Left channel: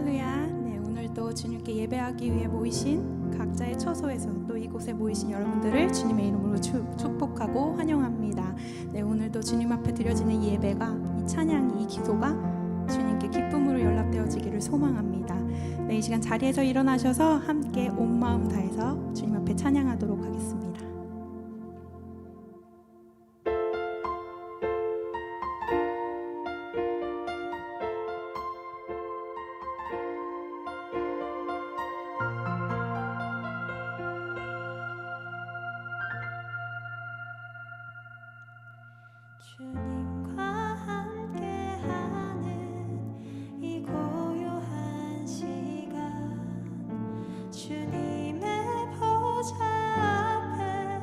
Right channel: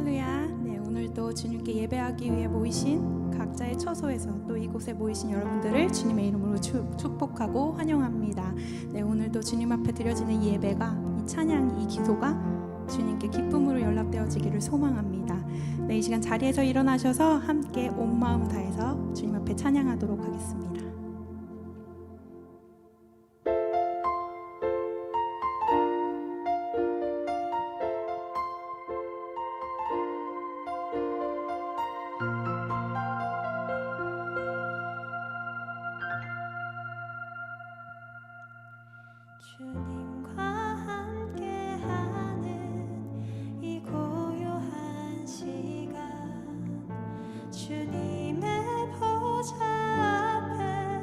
할렐루야. 네, 오늘도 주님께 예배하기 위해 모이신 각자의 처소에서 또 이곳에 모이신 여러분들을 주님의 이름으로 축복하고 환영합니다. 네, 오늘도 주님 앞에 드려지는 이 예배가, 이 찬양이, 이 기도가 주님께 기쁨으로 연락되어지기를 소망합니다. 네, 이 시간 자리에서 일어나셔서 함께 온 마음 다해서 주님 앞에 찬양하도록 하겠습니다. 주님과 함께하는 이 고요한 시간, 주님의 보좌 앞에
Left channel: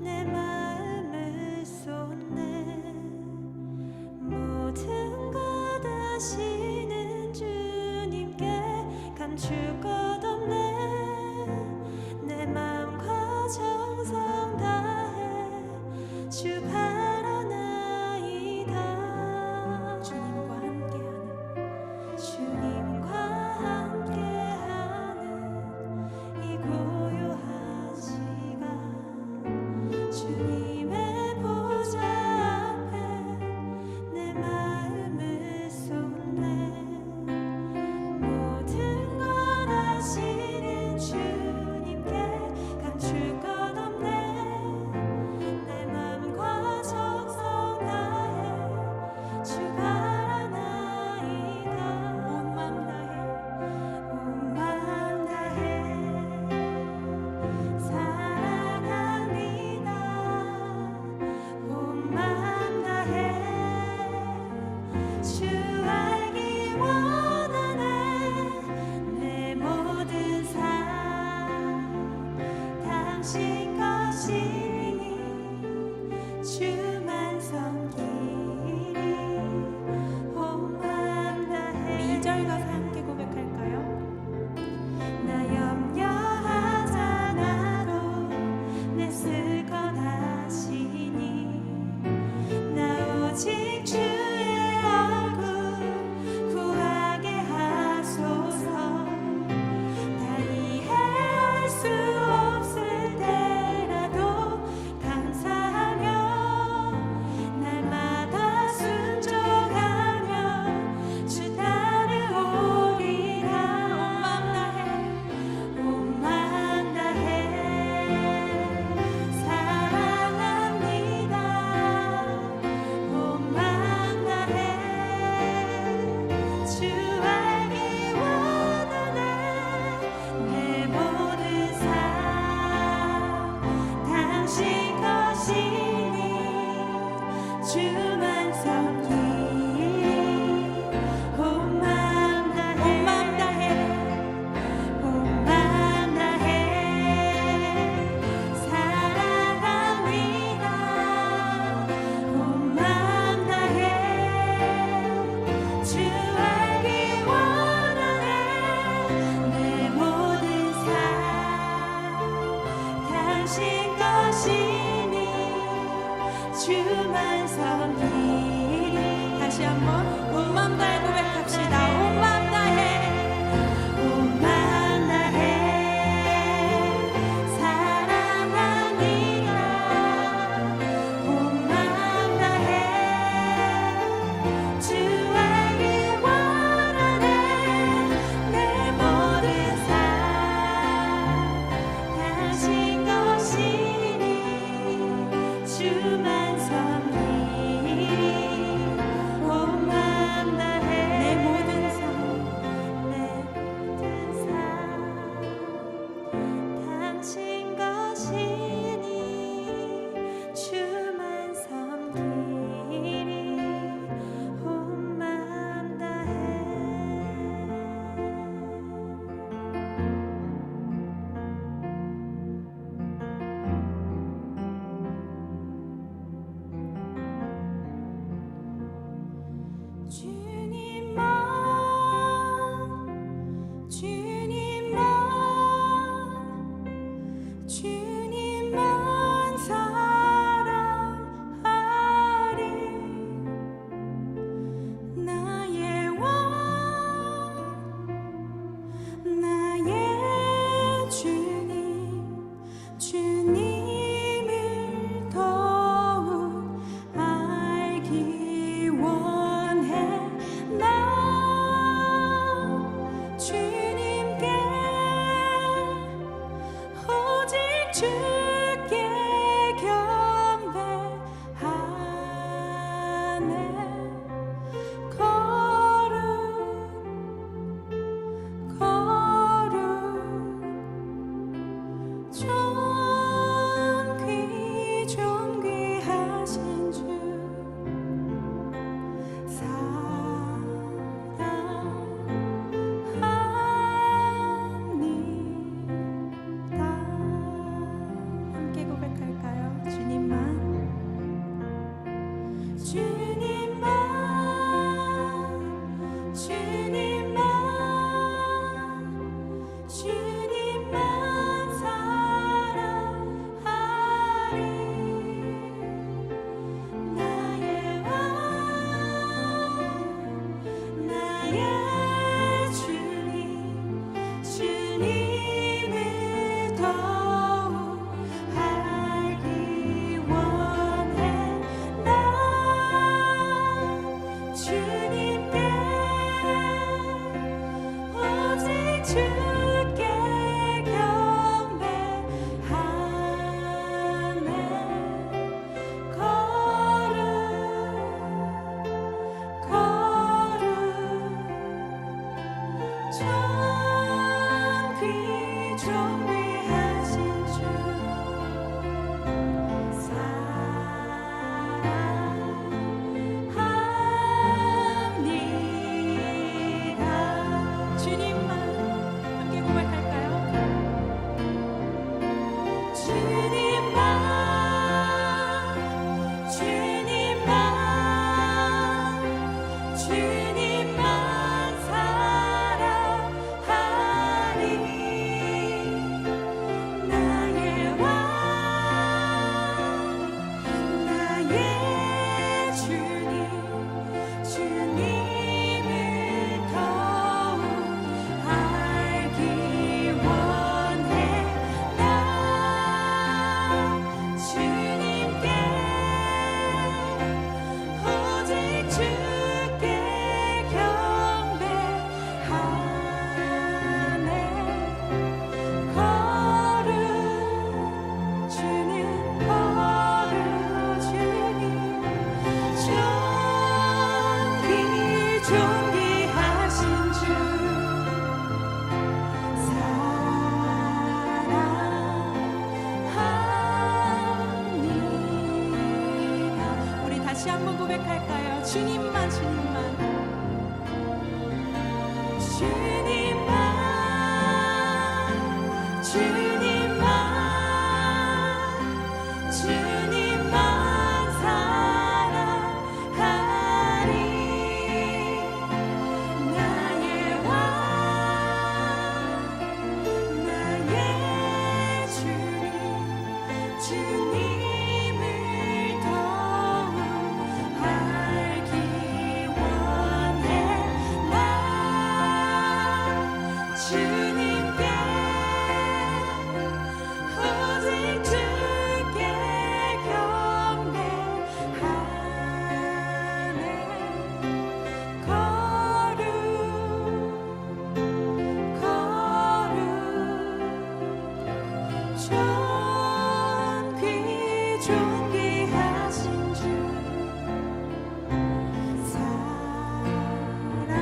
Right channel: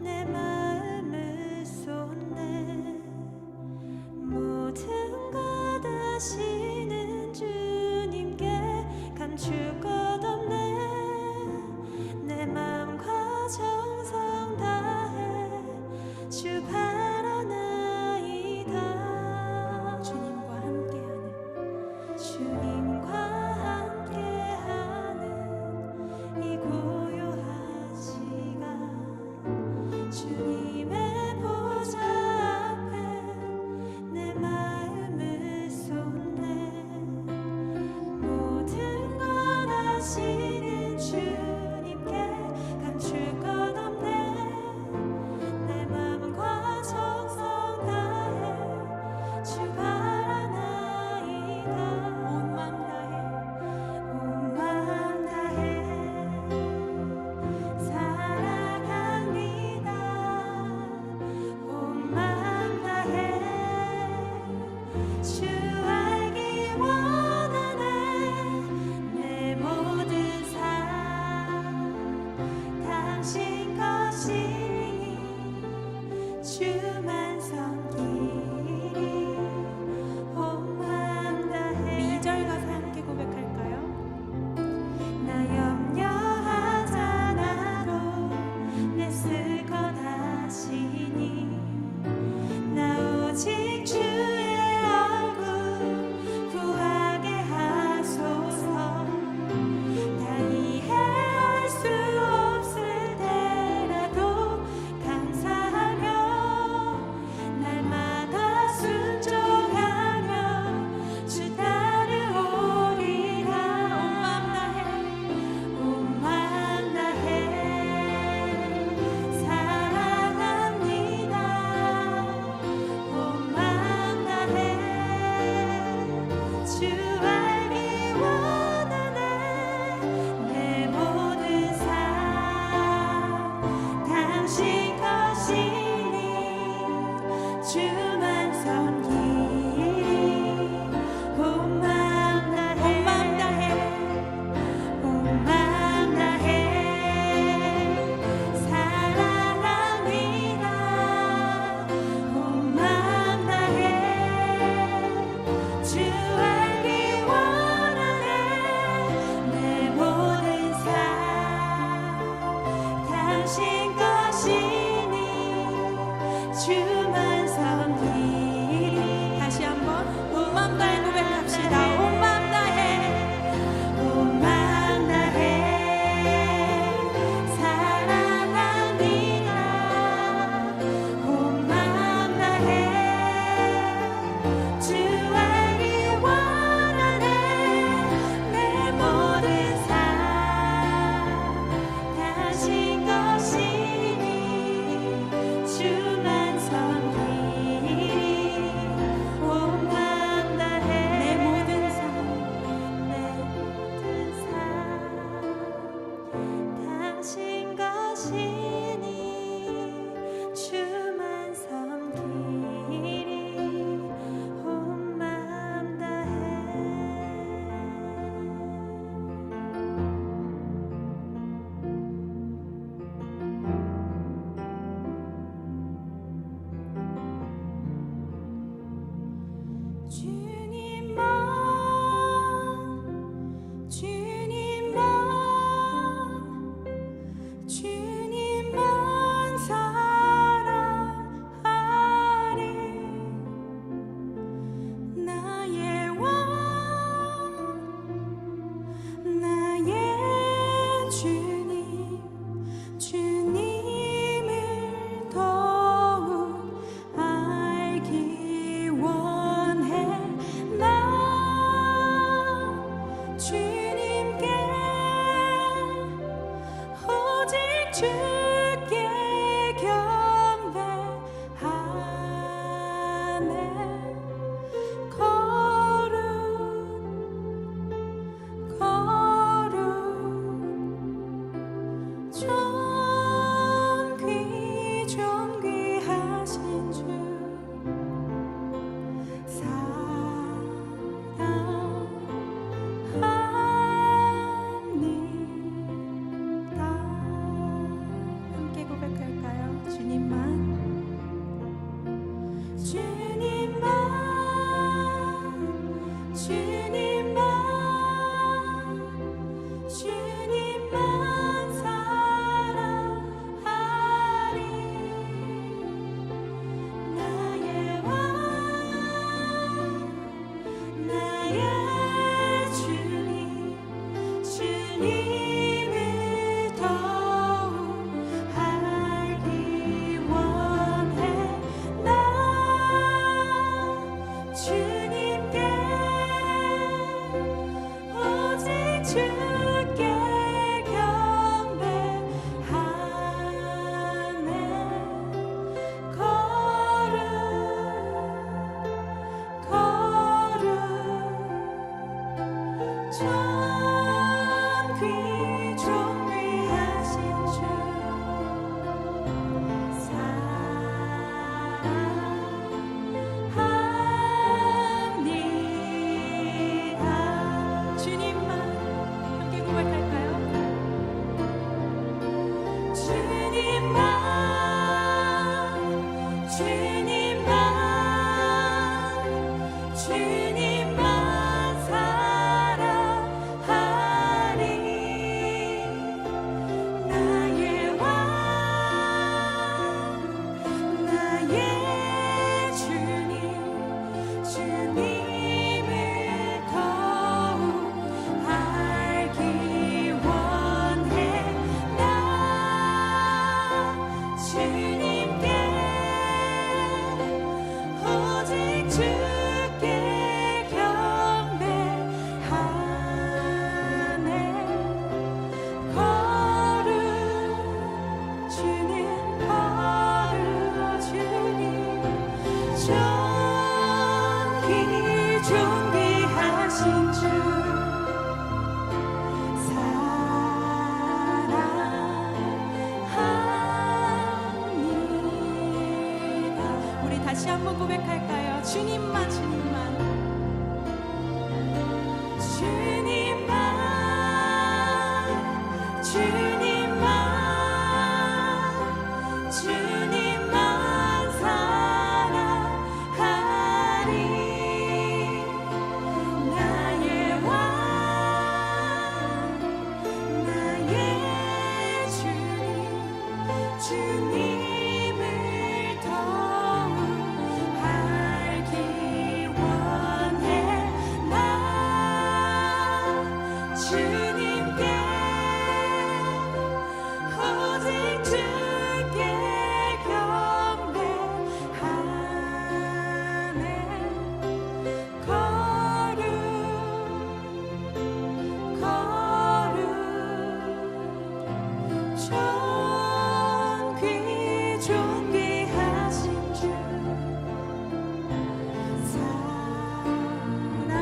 내 마음을 쏟네. 모든 것 아시는 주님께 감출 것 없네. 내 마음과 정성 다해 주 바라나이다. 주님과 함께하는 주님과 함께하는 이 고요한 시간, 주님의 보좌 앞에 내 마음을 쏟네. 모든 것 아시는 주님께 감출 것 없네. 내 마음과 정성 다해 주 바라나이다. 온 마음 다해 주께 경배하네. 거룩 거룩 존귀하신 주 사랑합니다. 함께 고백할까요? 주님만 주님만 주님만 주님만 사랑하리. 나의 왕 나의 주님 주님을 더욱 알기 원해. 나 주님께 오직 주께 경배하네. 거룩 거룩 존귀하신 주 사랑합니다. 주님만 함께 고백할까요? 주님만 주님만 주님만 사랑하리. 나의 왕 나의 주님 주님을 더욱 알기 원해. 나 주님께 오직 주께 경배하네. 거룩 주는 거룩 주님 존귀하신 주 사랑합니다. 우리 다시 한번 고백할까요? 주님만 주님만 주님만 주님만 주님만 사랑하리. 나의 왕 나의 주님 주님을 더욱 알기 원해. 나 주님께 오직 주께 경배하네. 거룩 거룩 존귀하신 주 사랑합니다.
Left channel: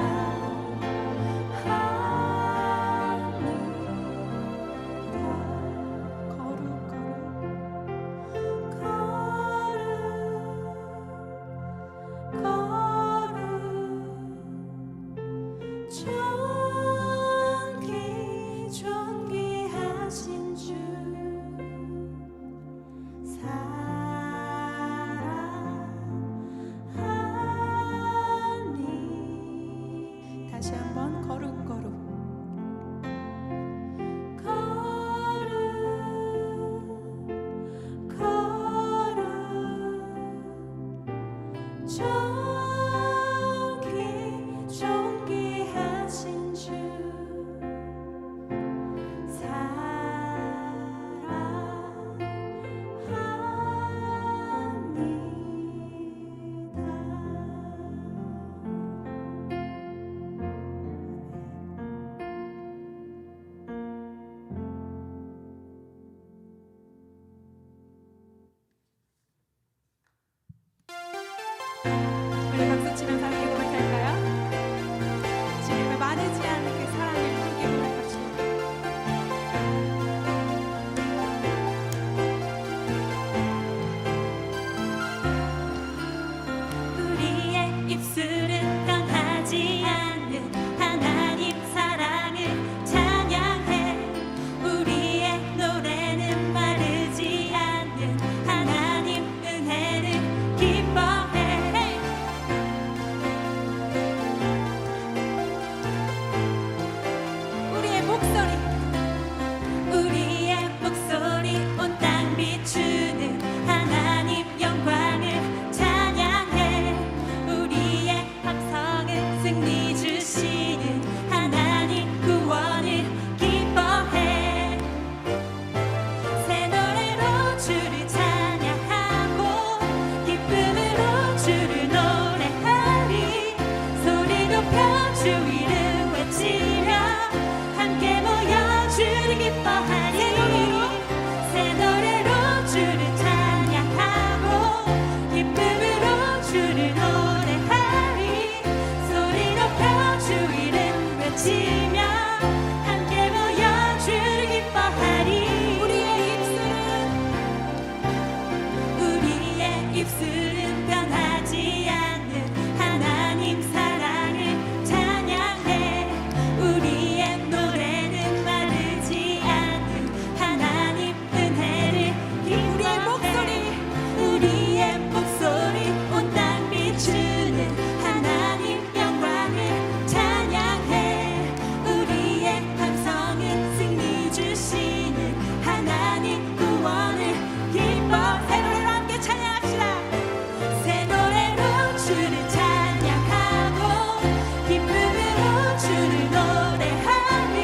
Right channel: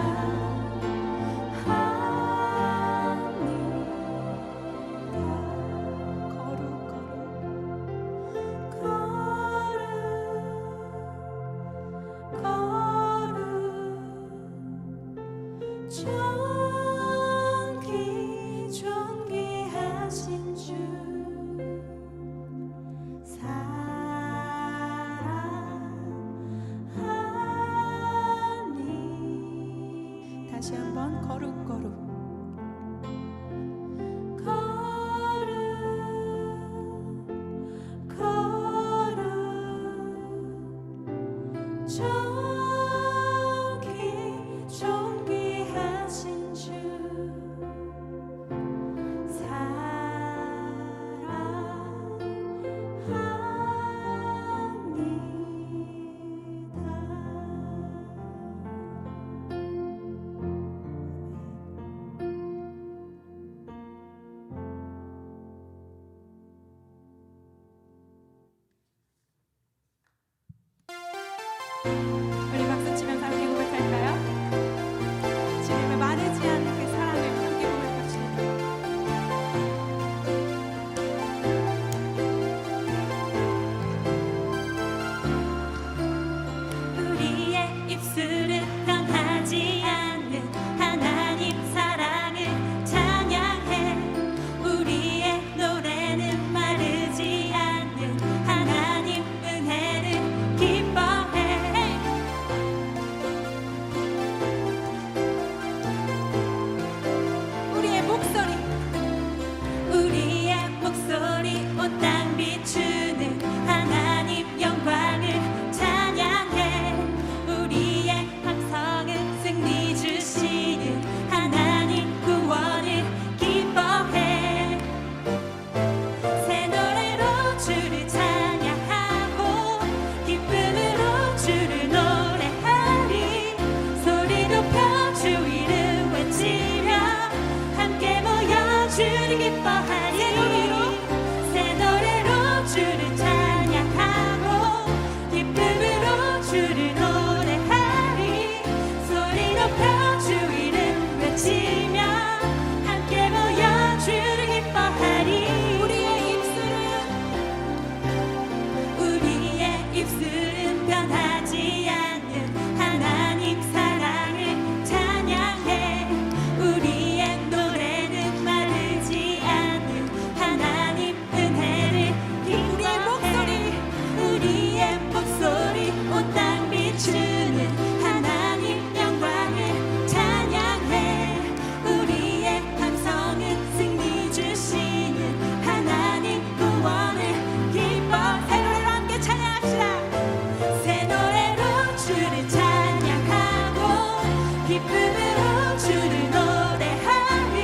외치면서 함께 고백할까요? 주님의 마르지 않는 그 사랑을 함께 고백합시다. 우리의 입술은 변하지 않는 하나님 사랑을 찬양해. 우리의 노래는 마르지 않는 하나님 은혜를 기뻐해. 우리의 목소리 우리의 목소리 온 땅 비추는 하나님 영광을 찬양해. 우리의 함성은 승리 주시는 하나님 구원을 기뻐해. 새 노래로 주를 찬양하고 기쁨으로 주를 노래하리. 소리 높여 주 이름 외치며 함께 모여 주를 기뻐하리. 새 노래로 주를 찬양하고 기쁨으로 주를 노래하리. 소리 높여 주 이름 외치며 함께 모여 주를 기뻐하리. 우리의 입술은 변하지 않는 하나님 사랑을 찬양해. 우리의 노래는 마르지 않는 하나님 은혜를 기뻐해. 우리의 목소리 온 땅 비추는 하나님 영광을 찬양해. 우리의 함성은 승리 주시는 하나님 구원을 기뻐해. 새 노래로 함께 찬양합시다. 새 노래로 주를 찬양하고 기쁨으로 주를 노래하리.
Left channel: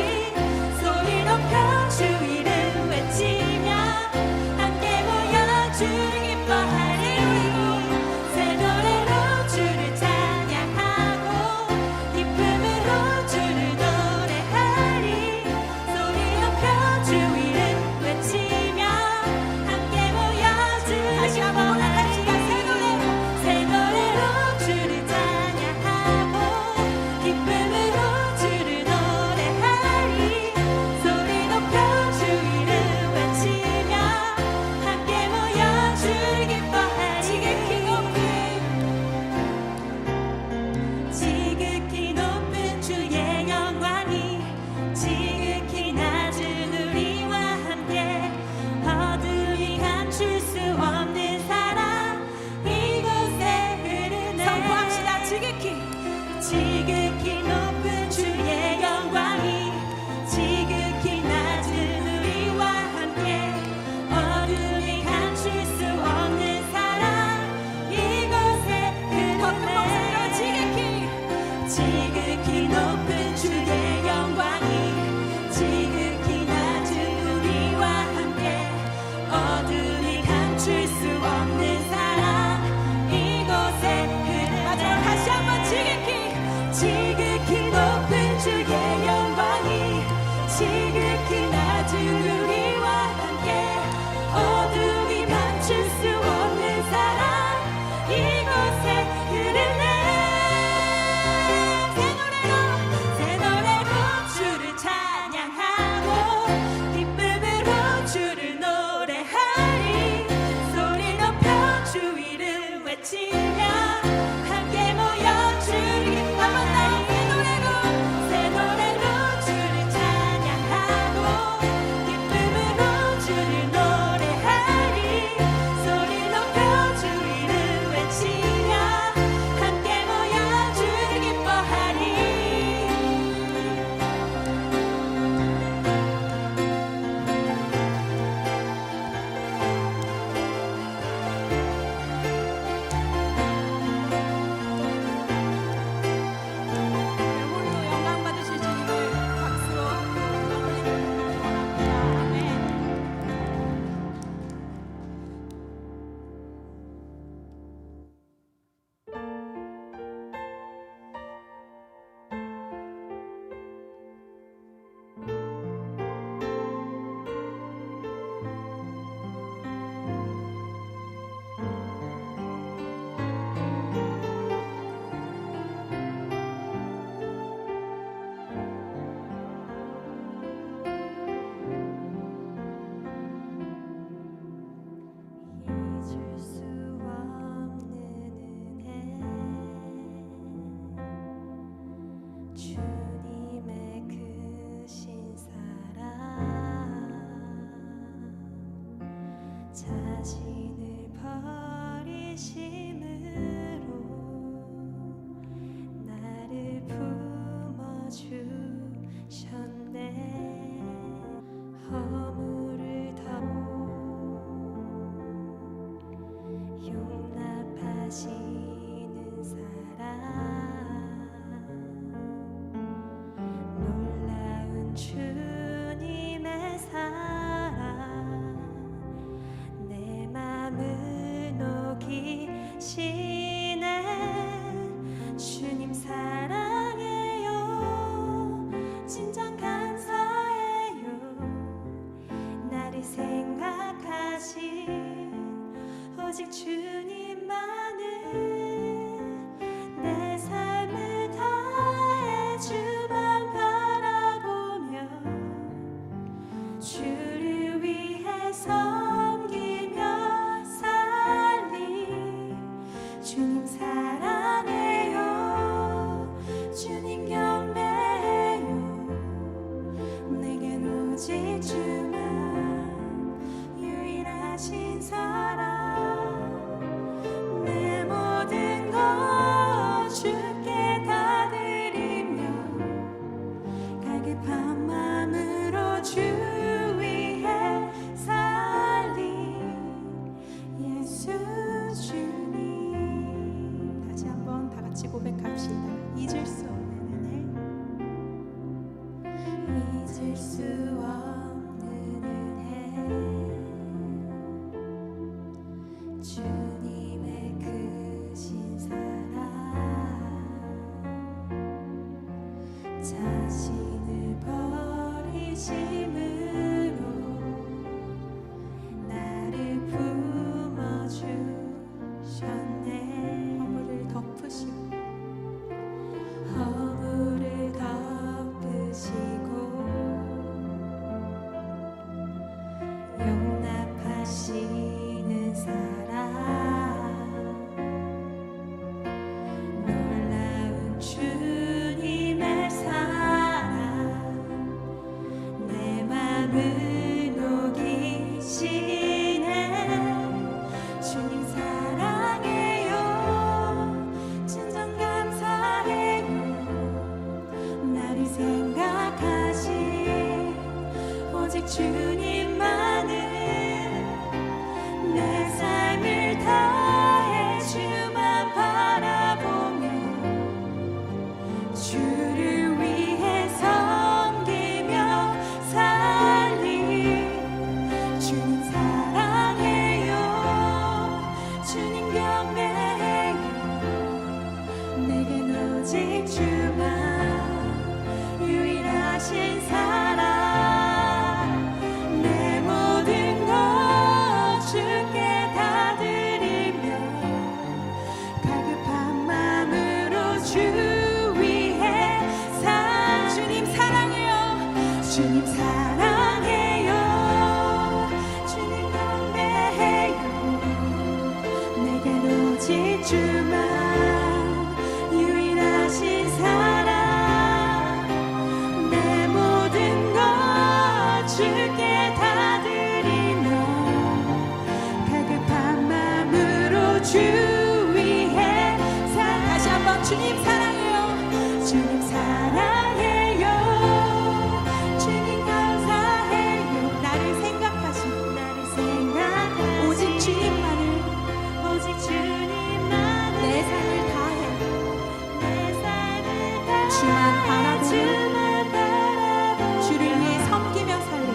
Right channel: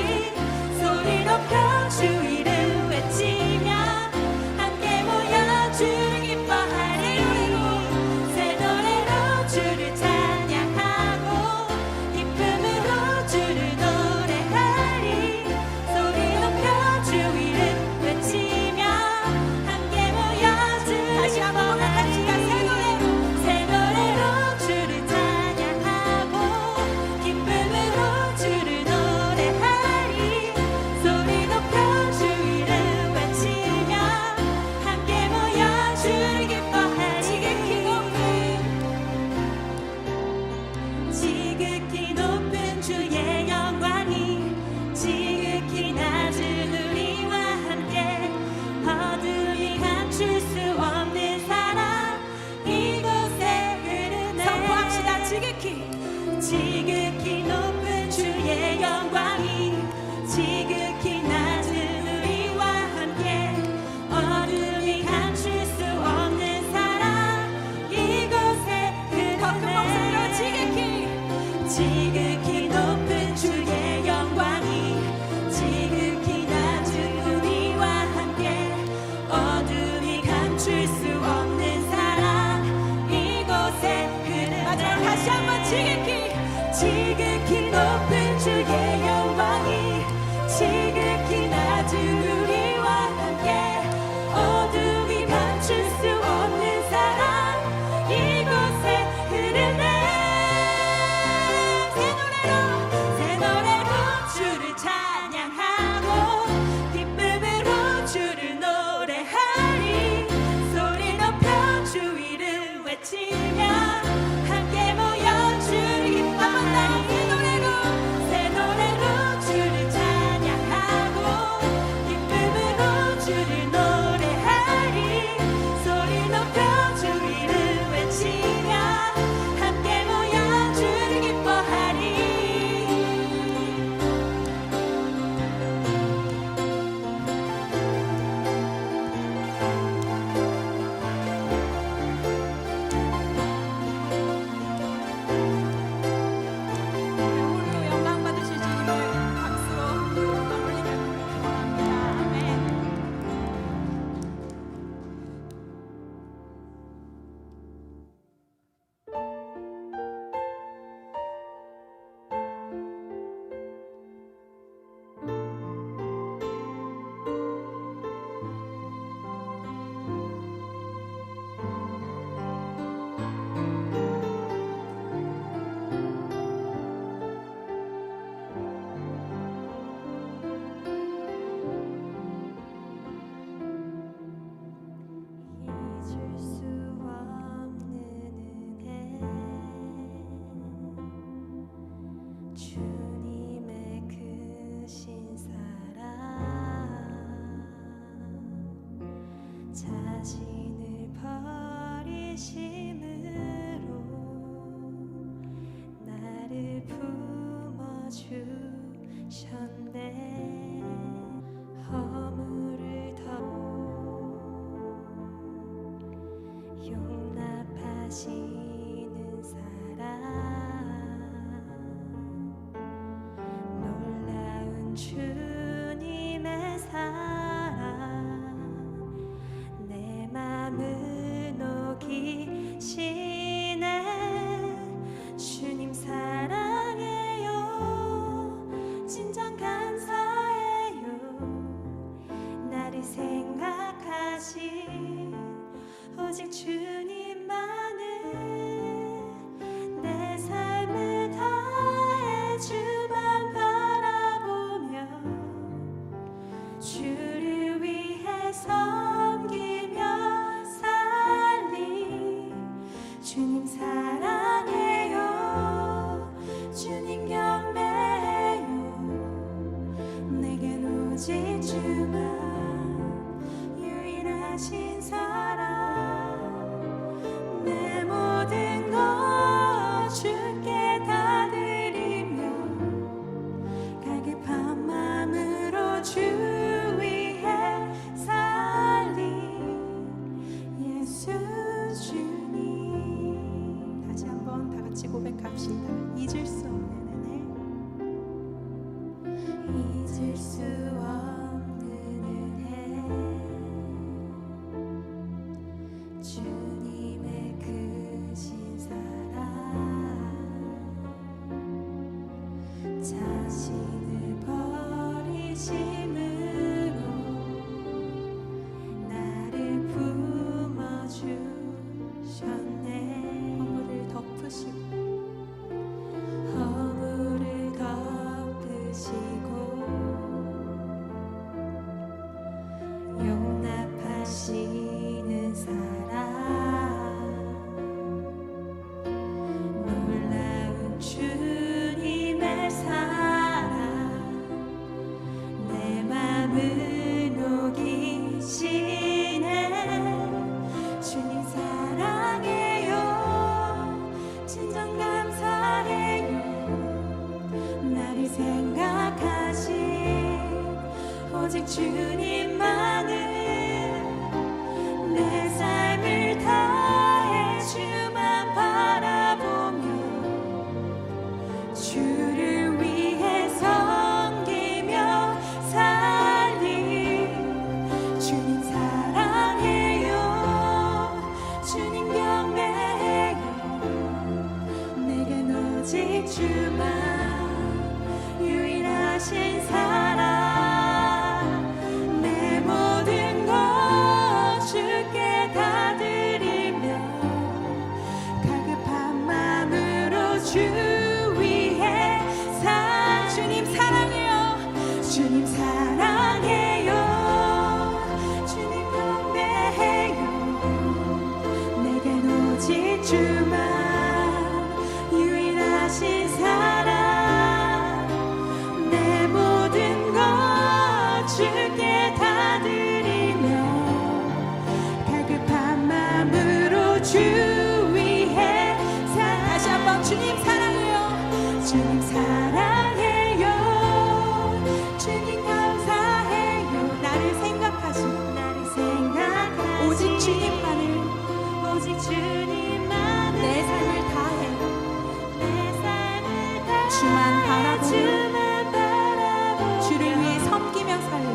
소리 높여 주 이름 외치며 함께 모여 주를 기뻐하리. 새 노래로 주를 찬양하고 기쁨으로 주를 노래하리. 소리 높여 주 이름 외치며 함께 모여 주를 기뻐하리. 새 노래로 주를 찬양하고 기쁨으로 주를 노래하리. 소리 높여 주 이름 외치며 함께 모여 주를 기뻐하리. 지극히 높은 주의 영광이 지극히 낮은 우리와 함께. 어둠이 감출 수 없는 사랑 이곳에 흐르네. 선포합시다. 지극히 높은 주의 영광이 지극히 낮은 우리와 함께. 어둠이 감출 수 없는 사랑 이곳에 흐르네. 지극히 높은 주의 영광이 지극히 낮은 우리와 함께. 어둠이 감출 수 없는 사랑 이곳에 흐르네. 마지막으로 다시 한번 지극히 높은 주의 영광이 지극히 낮은 우리와 함께. 어둠이 감출 수 없는 사랑 이곳에 흐르네. 새 노래로 주를 찬양하고 기쁨으로 주를 노래하리. 소리 높여 주 이름 외치며 함께 모여 주를 기뻐하리. 새 노래로 주를 찬양하고 기쁨으로 진정 감사해요. 나를 생각하신 오직 주님만을 내 삶을 다해 주만 바라보며 주를 위해 섬기며 살리. 주님 사랑해요. 주님 경배해요. 내겐 오직 주만 유일하신 사랑. 내 모든 것 주께 다 드리며 갈급한 마음으로 주 위해 살리. 예수 주님. 다시 한번 다 같이 고백합시다. 잊을 수 없는 잊을 수 없는 은혜. 주님의 크신 사랑. 자신을 버리심으로 나를 품어주셨네. 허물을 덮으시고 허물을 덮으시고 용납하시는 사랑. 놀라운 주님의 사랑. 내 맘을 녹이시네. 주님 사랑해요. 진정 감사해요. 나를 생각하신 오직 주님만을 내 삶을 다해 주만 바라보며 주를 위해 섬기며 살리. 주님 사랑해요. 주님 경배해요. 내겐 오직 주만 유일하신 사랑. 내 모든 것 주께 다 드리며 갈급한 마음으로 주 위해 살. 주님 사랑해요. 주님 사랑해요. 주님 경배해요. 내겐 오직 주만 유일하신 사랑. 내 모든 것 주께 다 드리며 갈급한 마음으로 주 위해 살. 다시 한번 주님 사랑해요. 주님 사랑해요. 주님 감사해요. 나를 생각하시고 나를 생각하신 오직 주님만을 오직 주님만을 내 삶을 다해 내 삶을 다해 주만 바라보며 주만 바라보며 주를 위해 섬기며 살리.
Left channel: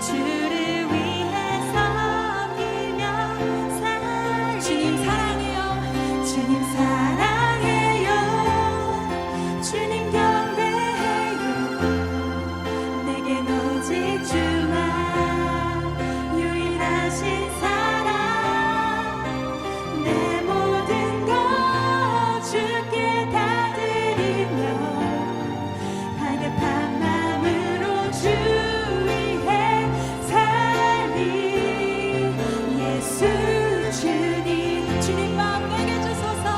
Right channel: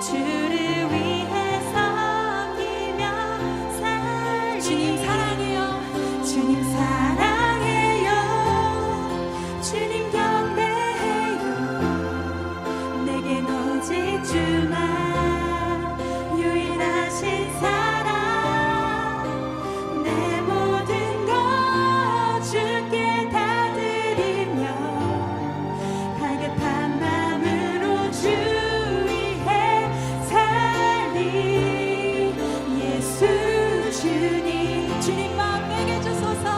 주를 위해 섬기며 살리. 주님 사랑해요. 주님 사랑해요. 주님 경배해요. 내겐 오직 주만 유일하신 사랑. 내 모든 것 주께 다 드리며 갈급한 마음으로 주 위해 살리. 예수 주님. 주님 마음 내게 주소서.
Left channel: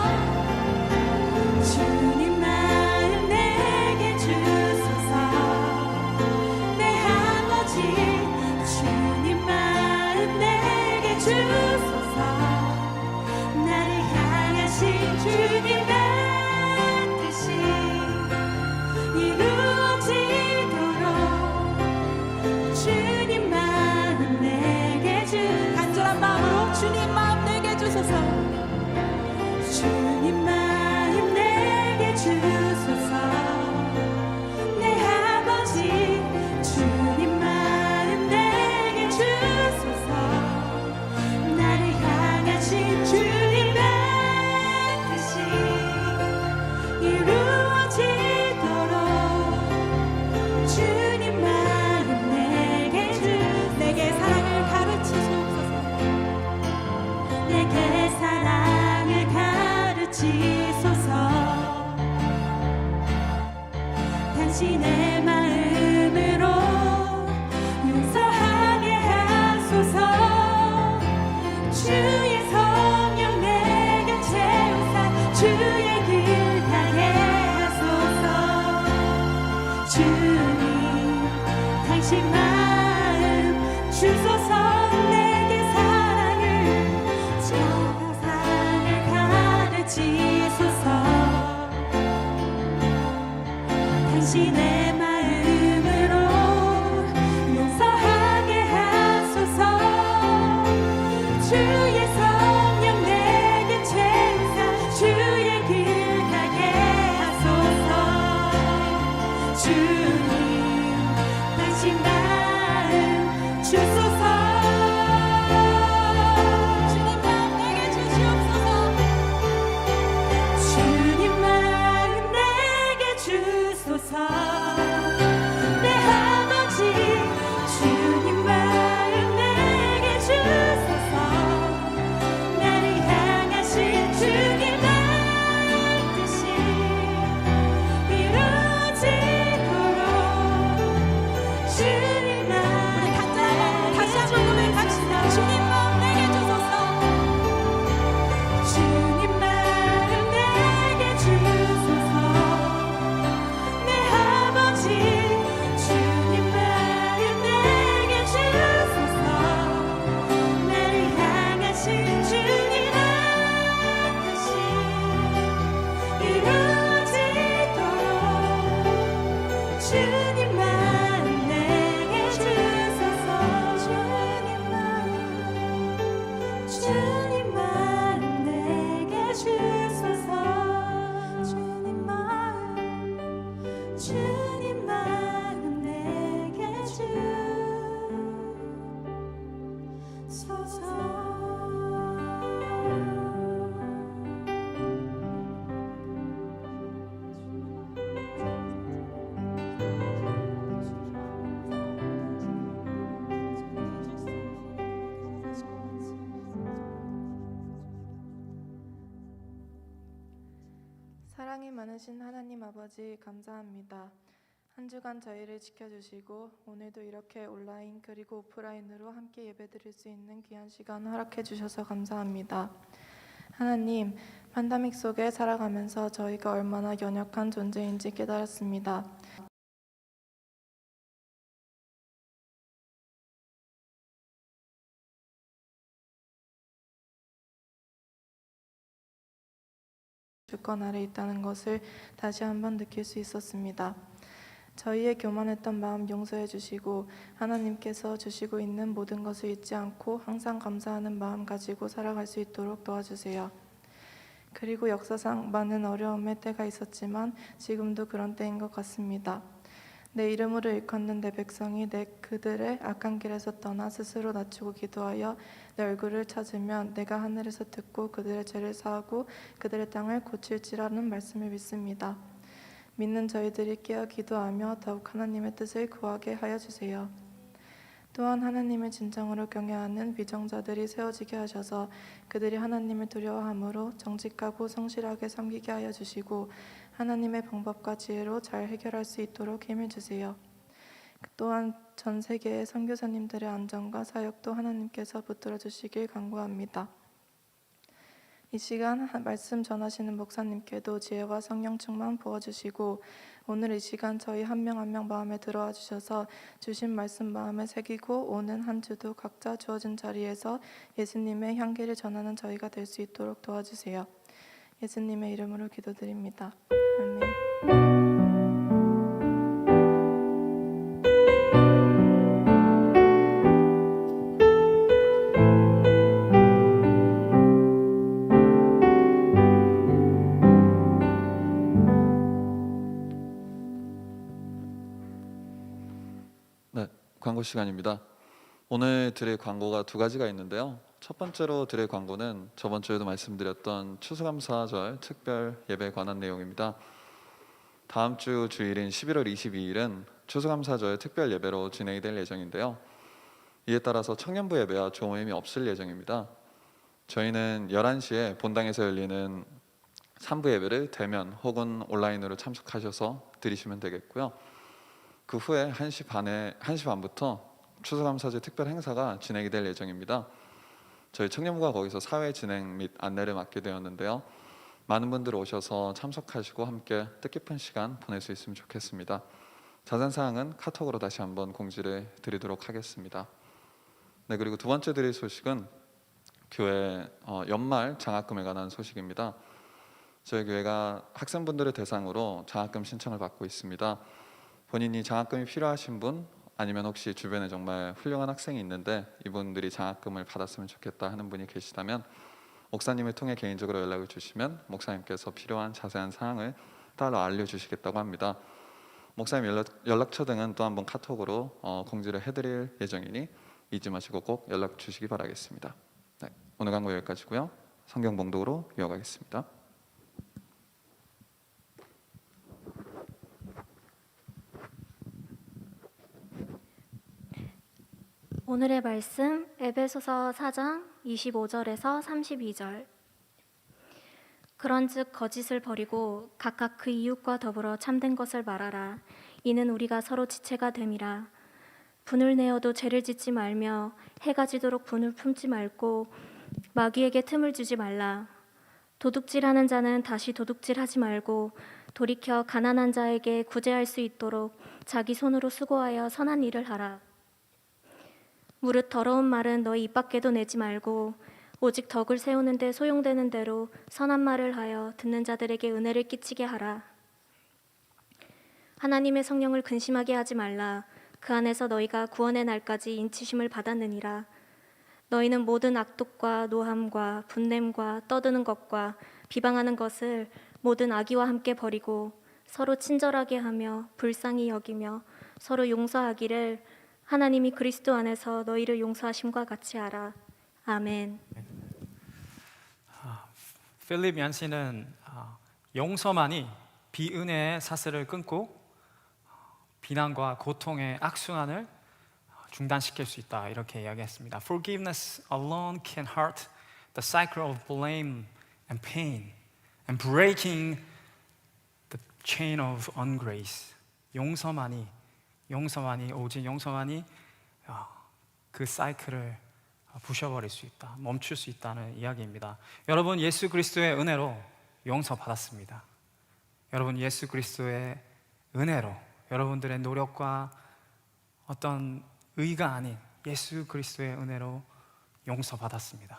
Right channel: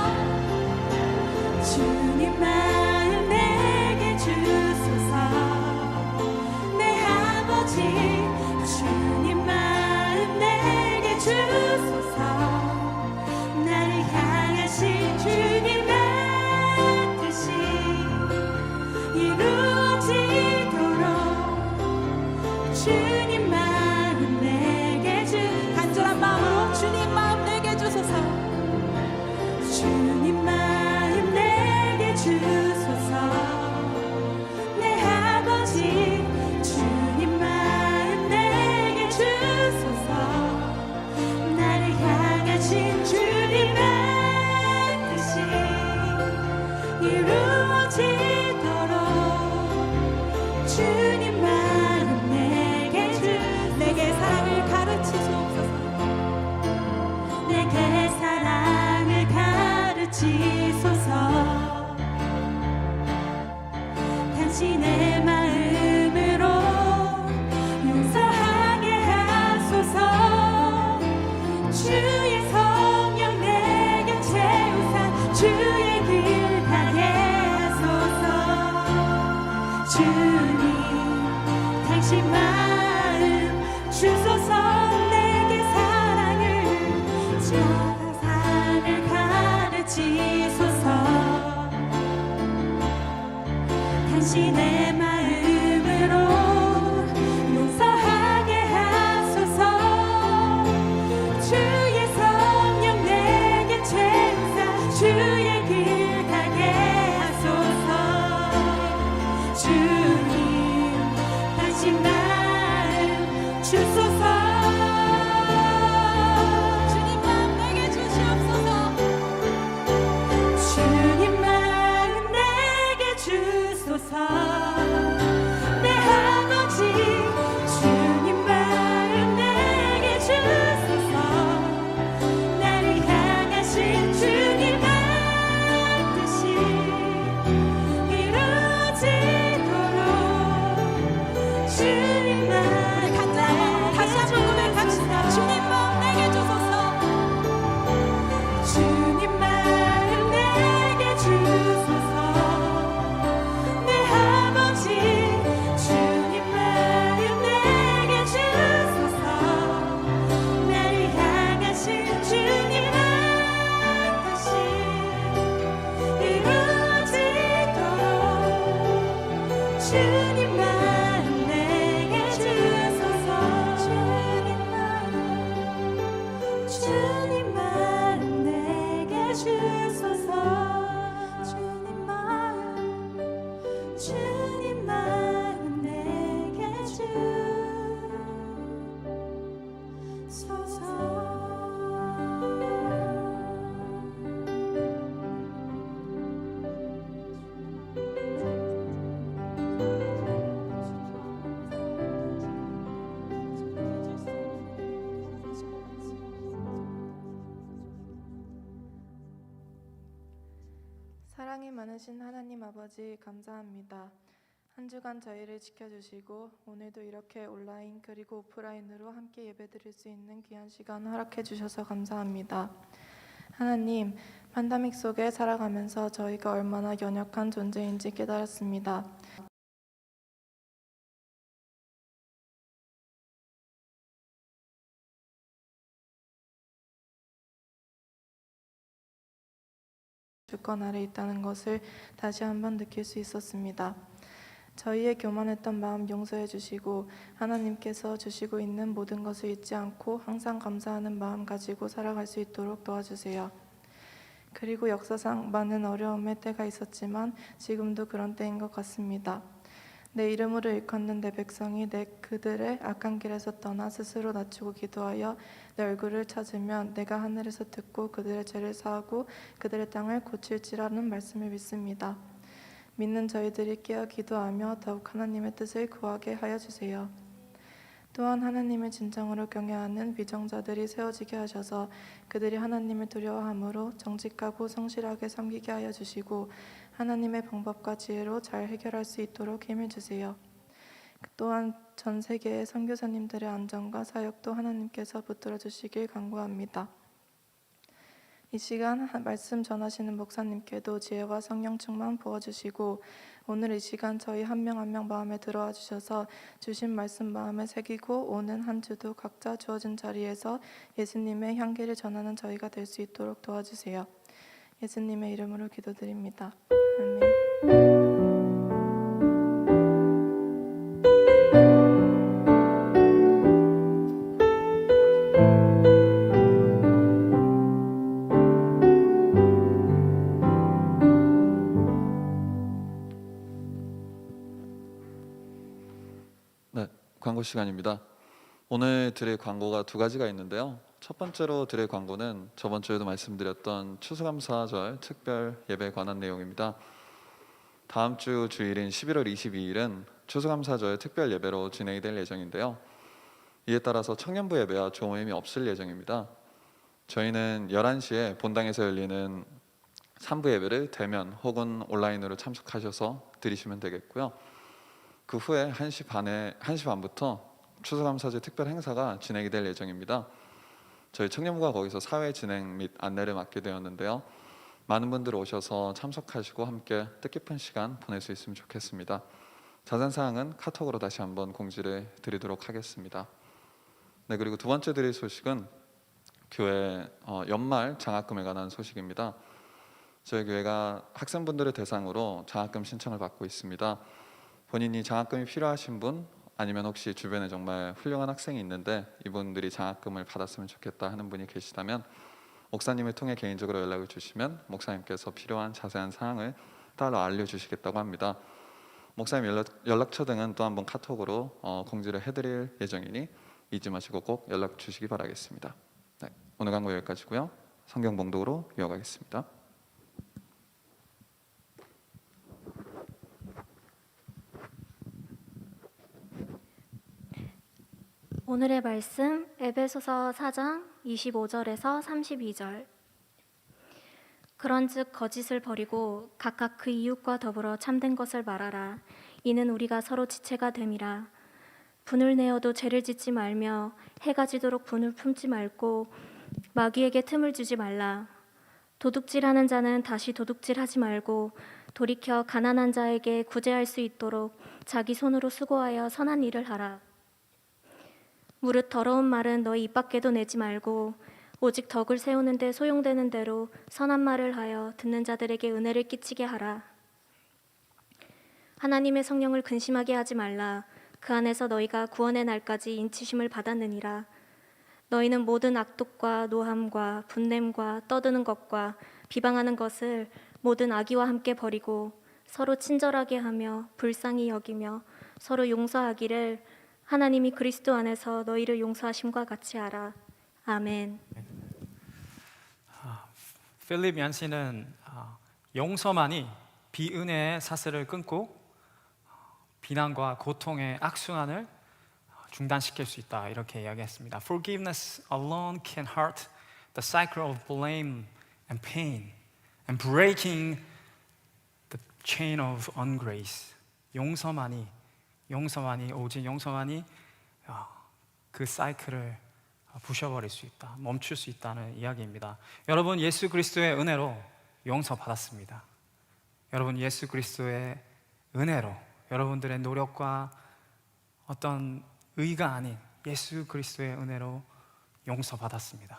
주님 마음 내게 주소서. 내 아버지 주님 마음 내게 주소서. 나를 향하신 주님의 뜻이 이루어지도록 가르치소서. 당신의 마음으로 용서하게 하소서. 주의 성령 내게 채우사 주의 길 가게 하소서. 주님 당신 마음 주소서. 내게 사랑을 자상을 가르치소서. 당신의 마음으로 용서하게 하소서. 주의 성령 내게 채우사 주의 길 가게 하소서. 주님 당신 마음 주소서. 주님 마음 내게 주시옵소서. 주님 마음 내게 주소서. 내 아버지 주님 마음 내게 주소서. 나를 향하신 주님의 뜻이 이루어지도록 주님 마음 우리 간절한 다시 한번 고백합시다. 주님 마음 내게 주소서. 주님 마음 내게 주소서. 내 아버지 주님 마음 내게 주소서. 나를 향하신 주님의 뜻이 이루어지도록 주님 마음 내게 주소서. 주님 마음 주님 마음 내게 주소서. 주님 마음 주님 마음 내게 사랑이 많으신 하나님 아버지 감사합니다. 한 주간 저희를 지켜주시고 오늘도 이렇게 온라인 그리고 오프라인으로 함께 예배드릴 수 있는 귀한 시간 허락해 주셔서 감사합니다. 하나님, 팬데믹 속에 살아가면서 저희가 얼마나 연약한 존재인지 깨달았습니다. 주권 아래 있다는 것을 다시 한번 느낄 수 있었습니다. 저희의 교만했던 마음 용서해 주시고 하나님께서 주시고 있는 모든 것을 잊지 않고 항상 감사하는 마음 가지고 살아갈 수 있도록 도와주세요. 그리고 역사상 많은 어려움의 때가 있었지만 지금도 그런 때인 것 같습니다. 내 이름으로 일컫는 내 백성이 그들의 악한 길에서 떠나 스스로 낮추고 기도하여 내 얼굴을 찾으면 내가 하늘에서 듣고 그들의 죄를 사하고 그들의 땅을 고칠지라는 말씀을 믿습니다. 믿는 저희들이 깨어 기도하며 더욱 하나님의 뜻을 구하게 하여 주세요. 또한 하나님을 진정으로 경외하는 위정자들이 세워지게 하셔서 그들이 하나님을 두려워함으로 정직하고 성실하게 섬기게 하여 주시고 하나님의 방법과 지혜로 잘 해결할 수 있도록 힘을 주세요. 또한 전 세계의 선교사님들의 안전과 사역도 하나님께서 붙들어 주시길 간구합니다. 이 시간 말씀 전하시는 목사님께도 지혜와 성령 충만 부어주시고 오늘 이 시간 저희 한 명 한 명 마음에 들어와 주셔서 주신 말씀 마음에 새기고 오는 한 주도 각자 주어진 자리에서 예수님의 향기를 전하는 저희가 될 수 있도록 도와주세요. 예수님의 이름으로 기도드립니다. 아멘. 광고 시간입니다. 오늘 드릴 광고가 두 가지가 있는데요. 첫 번째로 드릴 광고는 저번 주에도 말씀드렸던 추수감사절 특별 예배에 관한 내용입니다. 다음 주 주일인 11월 22일은 추수감사절 특별 예배로 진행이 될 예정인데요. 이에 따라서 청년부 예배와 조모임이 없을 예정입니다. 저희는 11시에 본당에서 열리는 3부 예배를 대면 혹은 온라인으로 참석하셔서 드리시면 되겠고요. 그 후에 1시 반부터 추수감사제 특별 행사가 진행이 될 예정입니다. 저희 청년부가 거기서 사회 진행 및 안내를 맡게 되었는데요. 많은 분들 오셔서 참석하시고 함께 뜻깊은 시간 보낼 수 있으면 좋겠습니다. 자세한 사항은 카톡으로 다시 한번 공지를 드리도록 하겠습니다. 네, 그리고 두 번째 드릴 소식은 교회 연말 장학금에 관한 소식입니다. 저희 교회가 학생분들을 대상으로 장학금 신청을 받고 있습니다. 본인이 장학금이 필요하신 분, 아니면 혹시 주변에 정말 훌륭한 학생이 있는데 이분들이 장학금을 받았으면 좋겠다 하는 분이 계시다면 목사님을 통해 개인적으로 연락을 주시면 목사님께서 필요한 자세한 사항을 따로 알려주시겠다고 합니다. 목사님 연락처 등은 또 한번 카톡으로 공지를 해드릴 예정이니 잊지 마시고 꼭 연락 주시기 바라겠습니다. 네, 오늘 강고 여기까지고요. 성경 봉독으로 이어가겠습니다. 오늘의 말씀 에베소서 4장 25절에서 32절. 그런즉 거짓을 버리고 각각 그 이웃과 더불어 참된 것을 말하라. 이는 우리가 서로 지체가 됨이라. 분을 내어도 죄를 짓지 말며 해가 지도록 분을 품지 말고 마귀에게 틈을 주지 말라. 도둑질하는 자는 다시 도둑질하지 말고 돌이켜 가난한 자에게 구제할 수 있도록 자기 손으로 수고하여 선한 일을 하라. 무릇 더러운 말은 너희 입 밖에도 내지 말고 오직 덕을 세우는 데 소용되는 대로 선한 말을 하여 듣는 자들에게 은혜를 끼치게 하라. 하나님의 성령을 근심하게 하지 말라. 그 안에서 너희가 구원의 날까지 인치심을 받았느니라. 너희는 모든 악독과 노함과 분냄과 떠드는 것과 비방하는 것을 모든 악의와 함께 버리고 서로 친절하게 하며 불쌍히 여기며 서로 용서하기를 하나님이 그리스도 안에서 너희를 용서하심과 같이 하라. 아멘. 필립 얀시는 용서만이 비은혜의 사슬을 끊고 비난과 고통의 악순환을 중단시킬 수 있다, 이렇게 이야기했습니다. Forgiveness alone can hurt the cycle of blame and pain and breaking the chain of ungrace. 오직 용서만이 그 사이클을 부셔버릴 수 있다, 멈출 수 있다는 이야기입니다. 여러분, 예수 그리스도의 은혜로 용서받았습니다. 여러분, 예수 그리스도의 은혜로 여러분들의 노력과 어떤 의가 아닌 예수 그리스도의 은혜로 용서받았습니다.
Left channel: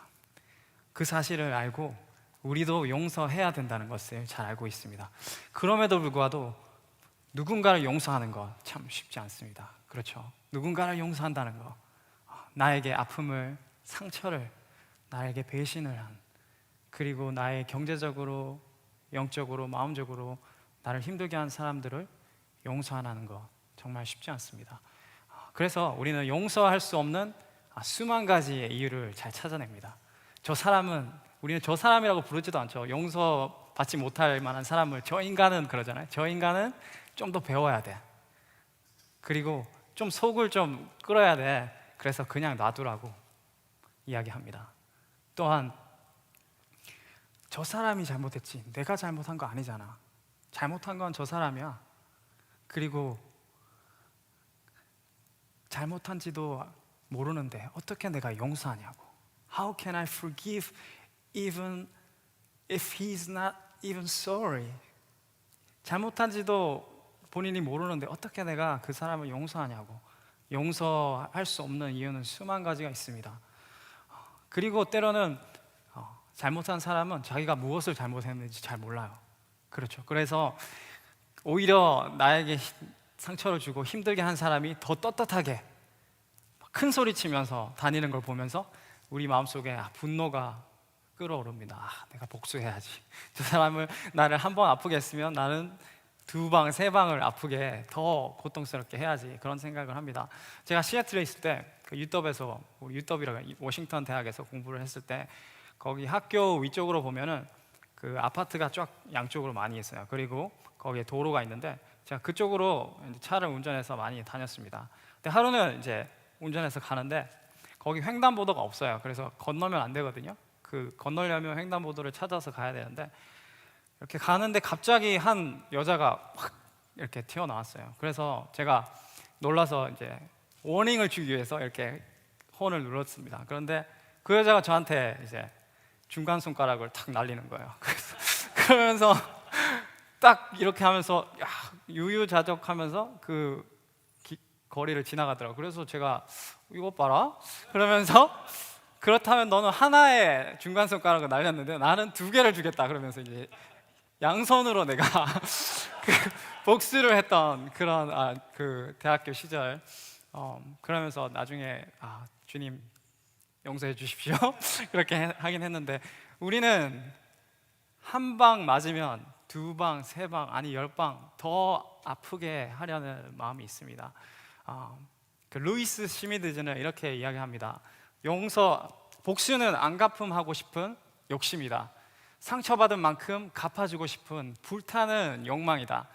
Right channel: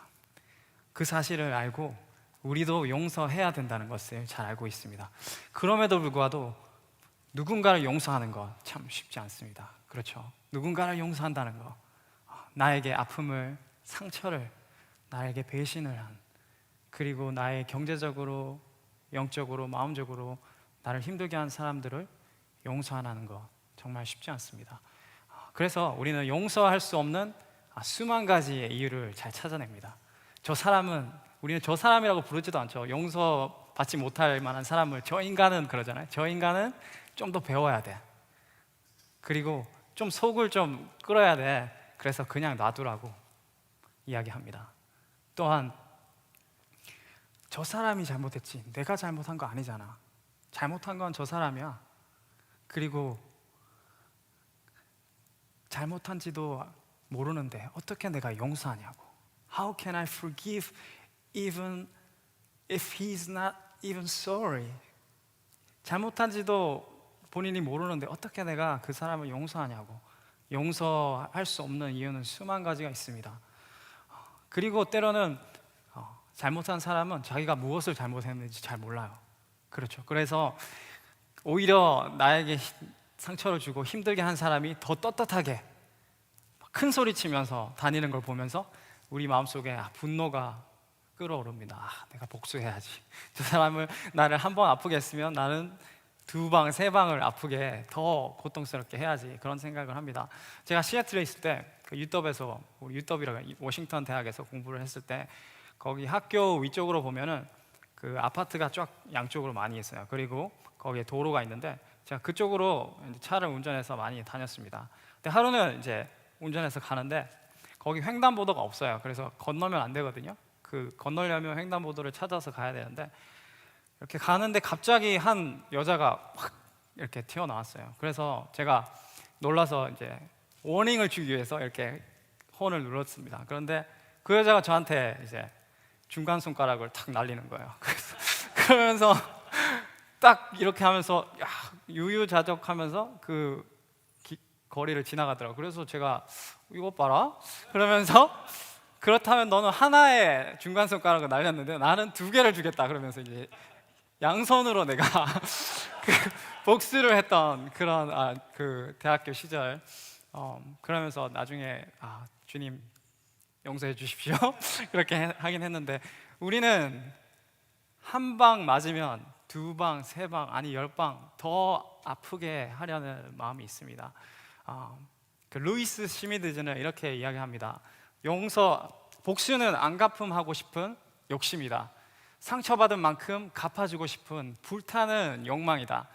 그 사실을 알고 우리도 용서해야 된다는 것을 잘 알고 있습니다. 그럼에도 불구하고 누군가를 용서하는 것 참 쉽지 않습니다. 그렇죠? 누군가를 용서한다는 것, 나에게 아픔을, 상처를, 나에게 배신을 한, 그리고 나의 경제적으로, 영적으로, 마음적으로 나를 힘들게 한 사람들을 용서하는 것 정말 쉽지 않습니다. 그래서 우리는 용서할 수 없는 수만 가지의 이유를 잘 찾아냅니다. 우리는 저 사람이라고 부르지도 않죠. 용서받지 못할 만한 사람을 저 인간은 그러잖아요. 저 인간은 좀 더 배워야 돼. 그리고 좀 속을 좀 끌어야 돼. 그래서 그냥 놔두라고 이야기합니다. 또한 저 사람이 잘못했지, 내가 잘못한 거 아니잖아. 잘못한 건 저 사람이야. 그리고 잘못한지도 모르는데 어떻게 내가 용서하냐고. How can I forgive even if he's not even sorry? 잘못한지도 본인이 모르는데 어떻게 내가 그 사람을 용서하냐고. 용서할 수 없는 이유는 수만 가지가 있습니다. 그리고 때로는 잘못한 사람은 자기가 무엇을 잘못했는지 잘 몰라요. 그렇죠. 그래서 오히려 나에게 상처를 주고 힘들게 한 사람이 더 떳떳하게 큰 소리 치면서 다니는 걸 보면서 우리 마음속에 분노가 끓어오릅니다. 내가 복수해야지. 저 사람을, 나를 한 번 아프게 했으면 나는 2방, 3방을 아프게 더 고통스럽게 해야지, 그런 생각을 합니다. 제가 시애틀에 있을 때 그 UW에서, 우리 UW라고 워싱턴 대학에서 공부를 했을 때 거기 학교 위쪽으로 보면은 그 아파트가 쫙 양쪽으로 많이 있어요. 그리고 거기에 도로가 있는데 제가 그쪽으로 차를 운전해서 많이 다녔습니다. 근데 하루는 이제 운전해서 가는데 거기 횡단보도가 없어요. 그래서 건너면 안 되거든요. 그 건너려면 횡단보도를 찾아서 가야 되는데 이렇게 가는데 갑자기 한 여자가 확 이렇게 튀어나왔어요. 그래서 제가 놀라서 이제 워닝을 주기 위해서 이렇게 혼을 눌렀습니다. 그런데 그 여자가 저한테 이제 중간 손가락을 탁 날리는 거예요. 그러면서 딱 이렇게 하면서 야, 유유자적하면서 그 거리를 지나가더라고요. 그래서 제가 이거 봐라 그러면서 그렇다면 너는 하나의 중간 손가락을 날렸는데 나는 2개를 주겠다 그러면서 이제 양손으로 내가 그 복수를 했던 그런 그 대학교 시절 그러면서 나중에 주님 용서해 주십시오 그렇게 하긴 했는데 우리는 한 방 맞으면 2방, 3방 아니 10방 더 아프게 하려는 마음이 있습니다. 그 루이스 시미드즈는 이렇게 이야기합니다. 복수는 안 갚음하고 싶은 욕심이다. 상처받은 만큼 갚아주고 싶은 불타는 욕망이다.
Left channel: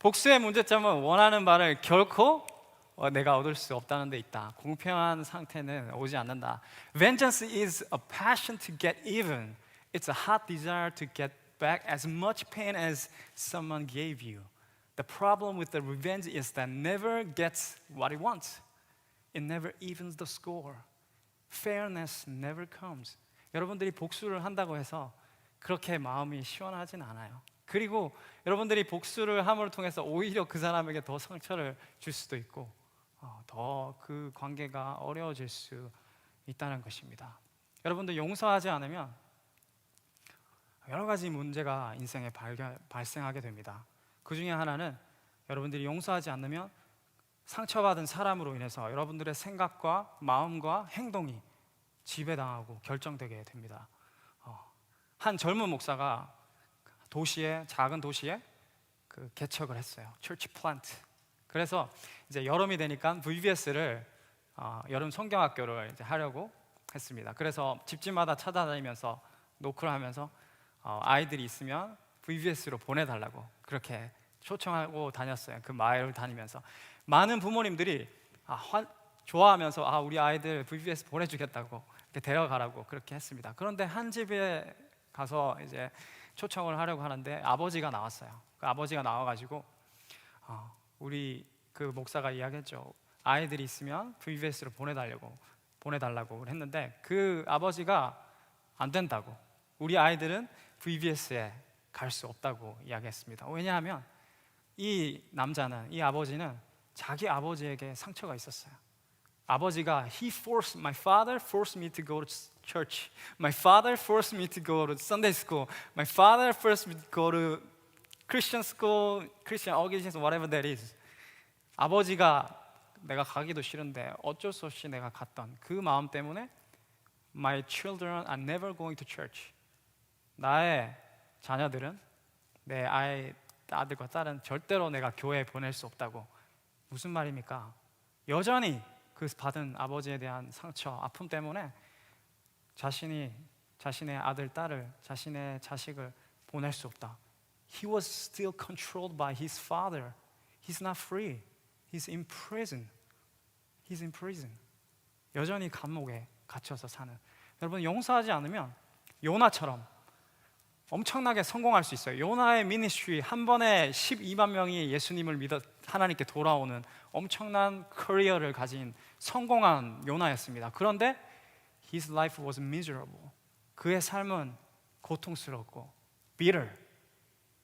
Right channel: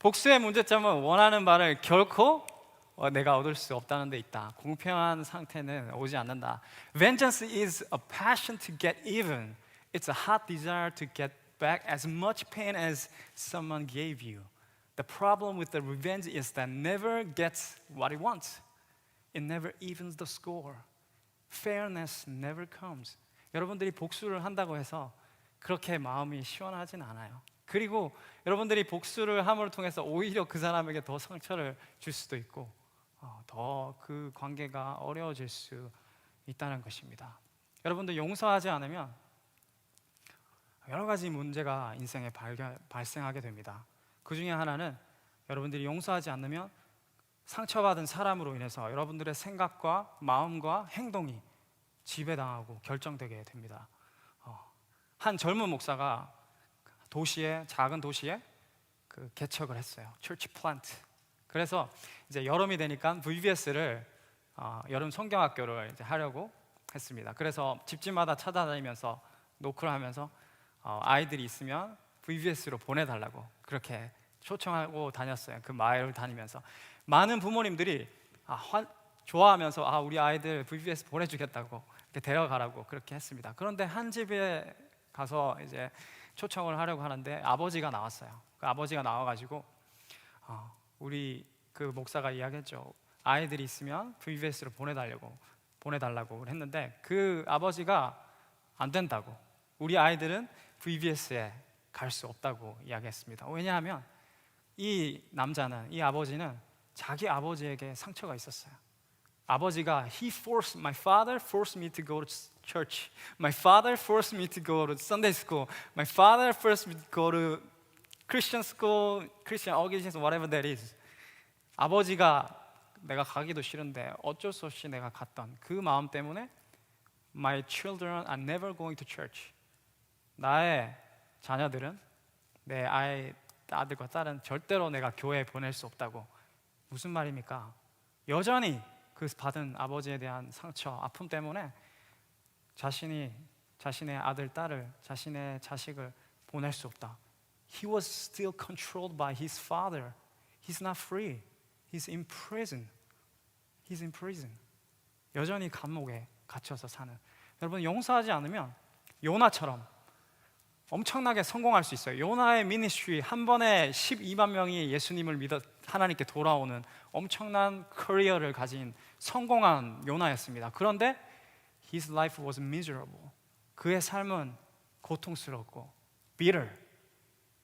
복수의 문제점은 원하는 바를 결코 내가 얻을 수 없다는 데 있다. 공평한 상태는 오지 않는다. Vengeance is a passion to get even. It's a hot desire to get back as much pain as someone gave you. The problem with the revenge is that never gets what it wants. It never evens the score. Fairness never comes. 여러분들이 복수를 한다고 해서 그렇게 마음이 시원하진 않아요. 그리고 여러분들이 복수를 함으로 통해서 오히려 그 사람에게 더 상처를 줄 수도 있고 더 그 관계가 어려워질 수 있다는 것입니다. 여러분들 용서하지 않으면 여러 가지 문제가 인생에 발생하게 됩니다. 그 중에 하나는 여러분들이 용서하지 않으면 상처받은 사람으로 인해서 여러분들의 생각과 마음과 행동이 지배당하고 결정되게 됩니다. 한 젊은 목사가 작은 도시에 그 개척을 했어요. Church plant. 그래서 이제 여름이 되니까 VBS를 여름 성경학교를 이제 하려고 했습니다. 그래서 집집마다 찾아다니면서 노크를 하면서 아이들이 있으면 VBS로 보내달라고 그렇게 초청하고 다녔어요. 그 마을을 다니면서 많은 부모님들이 좋아하면서 우리 아이들 VBS 보내주겠다고 이렇게 데려가라고 그렇게 했습니다. 그런데 한 집에 가서 이제 초청을 하려고 하는데 아버지가 나왔어요. 그 아버지가 나와가지고 우리 그 목사가 이야기했죠. 아이들이 있으면 VBS로 보내달라고 했는데 그 아버지가 안 된다고, 우리 아이들은 VBS에 갈 수 없다고 이야기했습니다. 왜냐하면 이 아버지는 자기 아버지에게 상처가 있었어요. 아버지가 my father forced me to go to church. My father forced me to go to Sunday school. My father forced me to go to Christian school, Christian organizations, whatever that is. 아버지가 내가 가기도 싫은데 어쩔 수 없이 내가 갔던 그 마음 때문에 My children are never going to church. 나의 자녀들은 내 아들과 딸은 절대로 내가 교회에 보낼 수 없다고. 무슨 말입니까? 여전히 그 받은 아버지에 대한 상처, 아픔 때문에 자신의 아들, 딸을, 자신의 자식을 보낼 수 없다. He was still controlled by his father. He's not free. He's in prison. He's in prison. 여전히 감옥에 갇혀서 사는. 여러분, 용서하지 않으면 요나처럼 엄청나게 성공할 수 있어요. 요나의 미니스트리 한 번에 12만 명이 예수님을 믿어 하나님께 돌아오는 엄청난 커리어를 가진 성공한 요나였습니다. 그런데 his life was miserable. 그의 삶은 고통스럽고 bitter,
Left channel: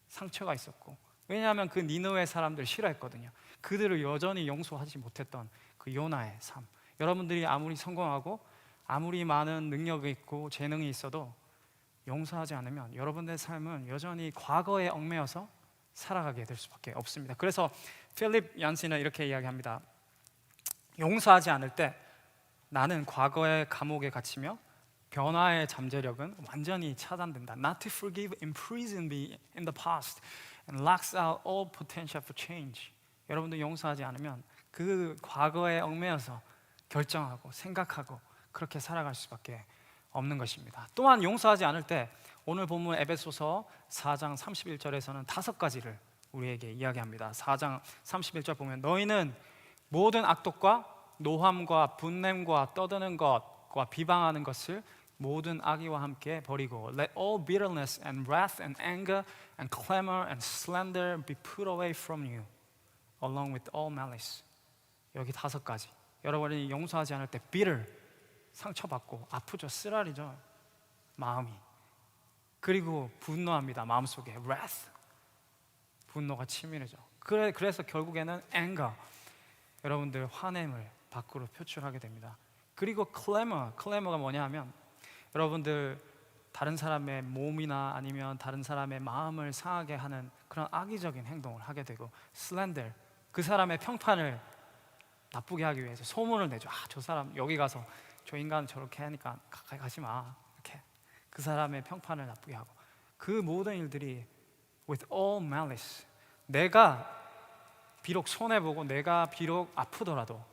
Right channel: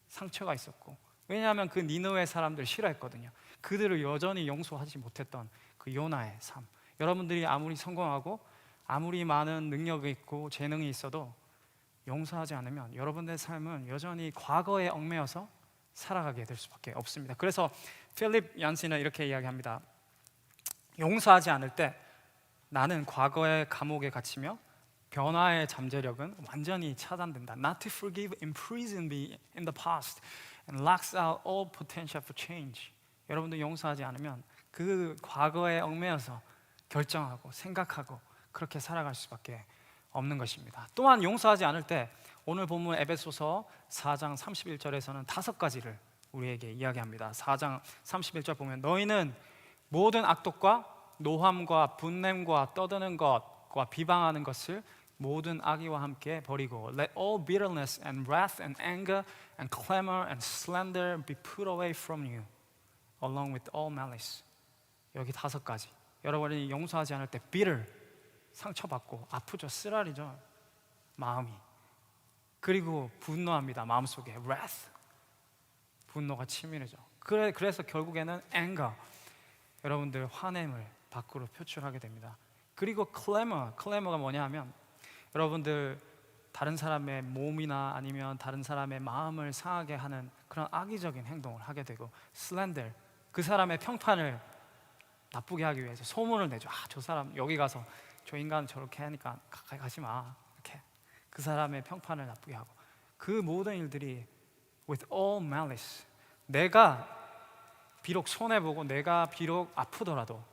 상처가 있었고. 왜냐하면 그 니느웨 사람들 싫어했거든요. 그들을 여전히 용서하지 못했던 그 요나의 삶. 여러분들이 아무리 성공하고 아무리 많은 능력이 있고 재능이 있어도 용서하지 않으면 여러분들의 삶은 여전히 과거에 얽매여서 살아가게 될 수밖에 없습니다. 그래서 필립 얀시는 이렇게 이야기합니다. 용서하지 않을 때 나는 과거의 감옥에 갇히며 변화의 잠재력은 완전히 차단된다. Not to forgive imprison me in the past and locks out all potential for change. 여러분들 용서하지 않으면 그 과거에 얽매여서 결정하고 생각하고 그렇게 살아갈 수밖에 없는 것입니다. 또한 용서하지 않을 때 오늘 본문 에베소서 4장 31절에서는 5가지를 우리에게 이야기합니다. 4장 31절 보면 너희는 모든 악독과 노함과 분냄과 떠드는 것과 비방하는 것을 모든 악의와 함께 버리고 let all bitterness and wrath and anger and clamor and slander be put away from you along with all malice. 여기 5가지. 여러분이 용서하지 않을 때 bitter, 상처받고 아프죠. 쓰라리죠. 마음이. 그리고 분노합니다. 마음속에 wrath, 분노가 치밀해져. 그래서 결국에는 anger, 여러분들 화냄을 밖으로 표출하게 됩니다. 그리고 clamour가 뭐냐 하면 여러분들 다른 사람의 몸이나 아니면 다른 사람의 마음을 상하게 하는 그런 악의적인 행동을 하게 되고 slander, 그 사람의 평판을 나쁘게 하기 위해서 소문을 내죠. 저 사람 여기 가서 저 인간 저렇게 하니까 가까이 가지 마. 이렇게 그 사람의 평판을 나쁘게 하고 그 모든 일들이 with all malice, 내가 비록 손해보고 내가 비록 아프더라도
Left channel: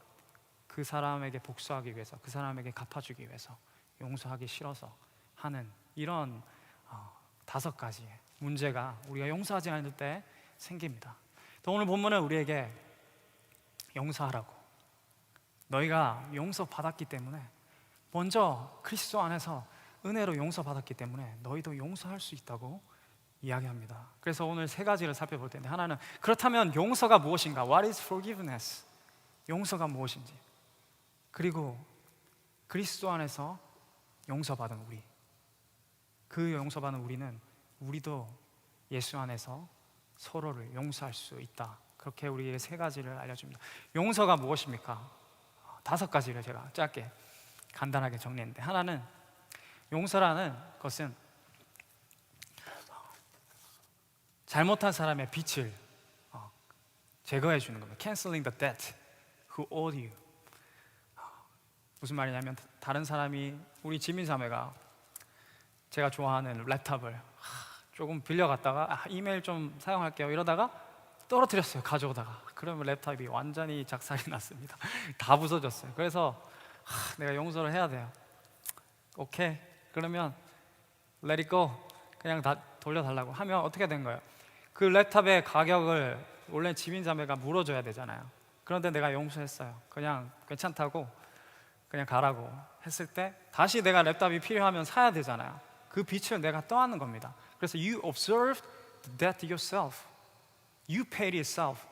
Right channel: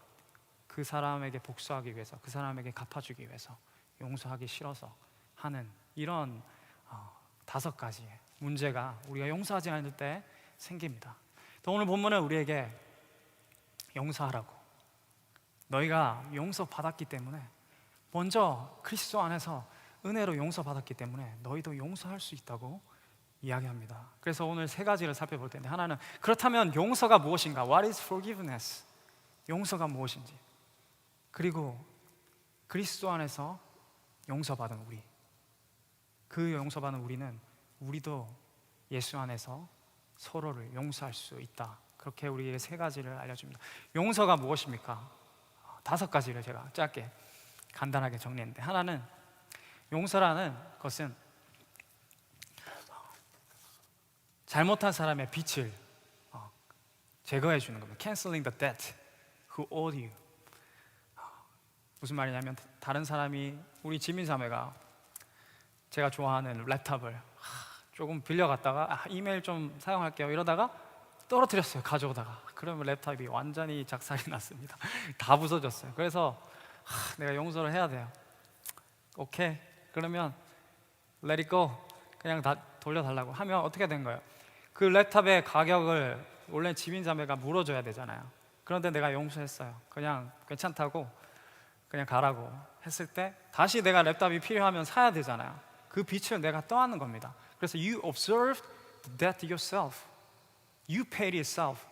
그 사람에게 복수하기 위해서, 그 사람에게 갚아주기 위해서, 용서하기 싫어서 하는 이런 5가지의 문제가 우리가 용서하지 않을 때 생깁니다. 또 오늘 본문은 우리에게 용서하라고, 너희가 용서받았기 때문에, 먼저 그리스도 안에서 은혜로 용서받았기 때문에 너희도 용서할 수 있다고 이야기합니다. 그래서 오늘 3가지를 살펴볼 텐데, 하나는 그렇다면 용서가 무엇인가? What is forgiveness? 용서가 무엇인지. 그리고 그리스도 안에서 용서받은 우리, 그 용서받은 우리는 우리도 예수 안에서 서로를 용서할 수 있다. 그렇게 우리에게 3가지를 알려줍니다. 용서가 무엇입니까? 5가지를 제가 짧게 간단하게 정리했는데, 하나는 용서라는 것은 잘못한 사람의 빚을 제거해 주는 겁니다. Canceling the debt who owed you. 무슨 말이냐면, 다른 사람이, 우리 지민자매가 제가 좋아하는 랩탑을 조금 빌려갔다가 이메일 좀 사용할게요 이러다가 떨어뜨렸어요, 가져오다가. 그러면 랩탑이 완전히 작살이 났습니다. 다 부서졌어요. 그래서 내가 용서를 해야 돼요. 오케이, 그러면 let it go, 그냥 다 돌려달라고 하면 어떻게 된 거예요? 그 랩탑의 가격을 원래 지민자매가 물어줘야 되잖아요. 그런데 내가 용서했어요. 그냥 괜찮다고 그냥 가라고 했을 때, 다시 내가 랩탑이 필요하면 사야 되잖아요. 그 빚을 내가 떠안는 겁니다. 그래서 you observed the debt yourself, you paid yourself.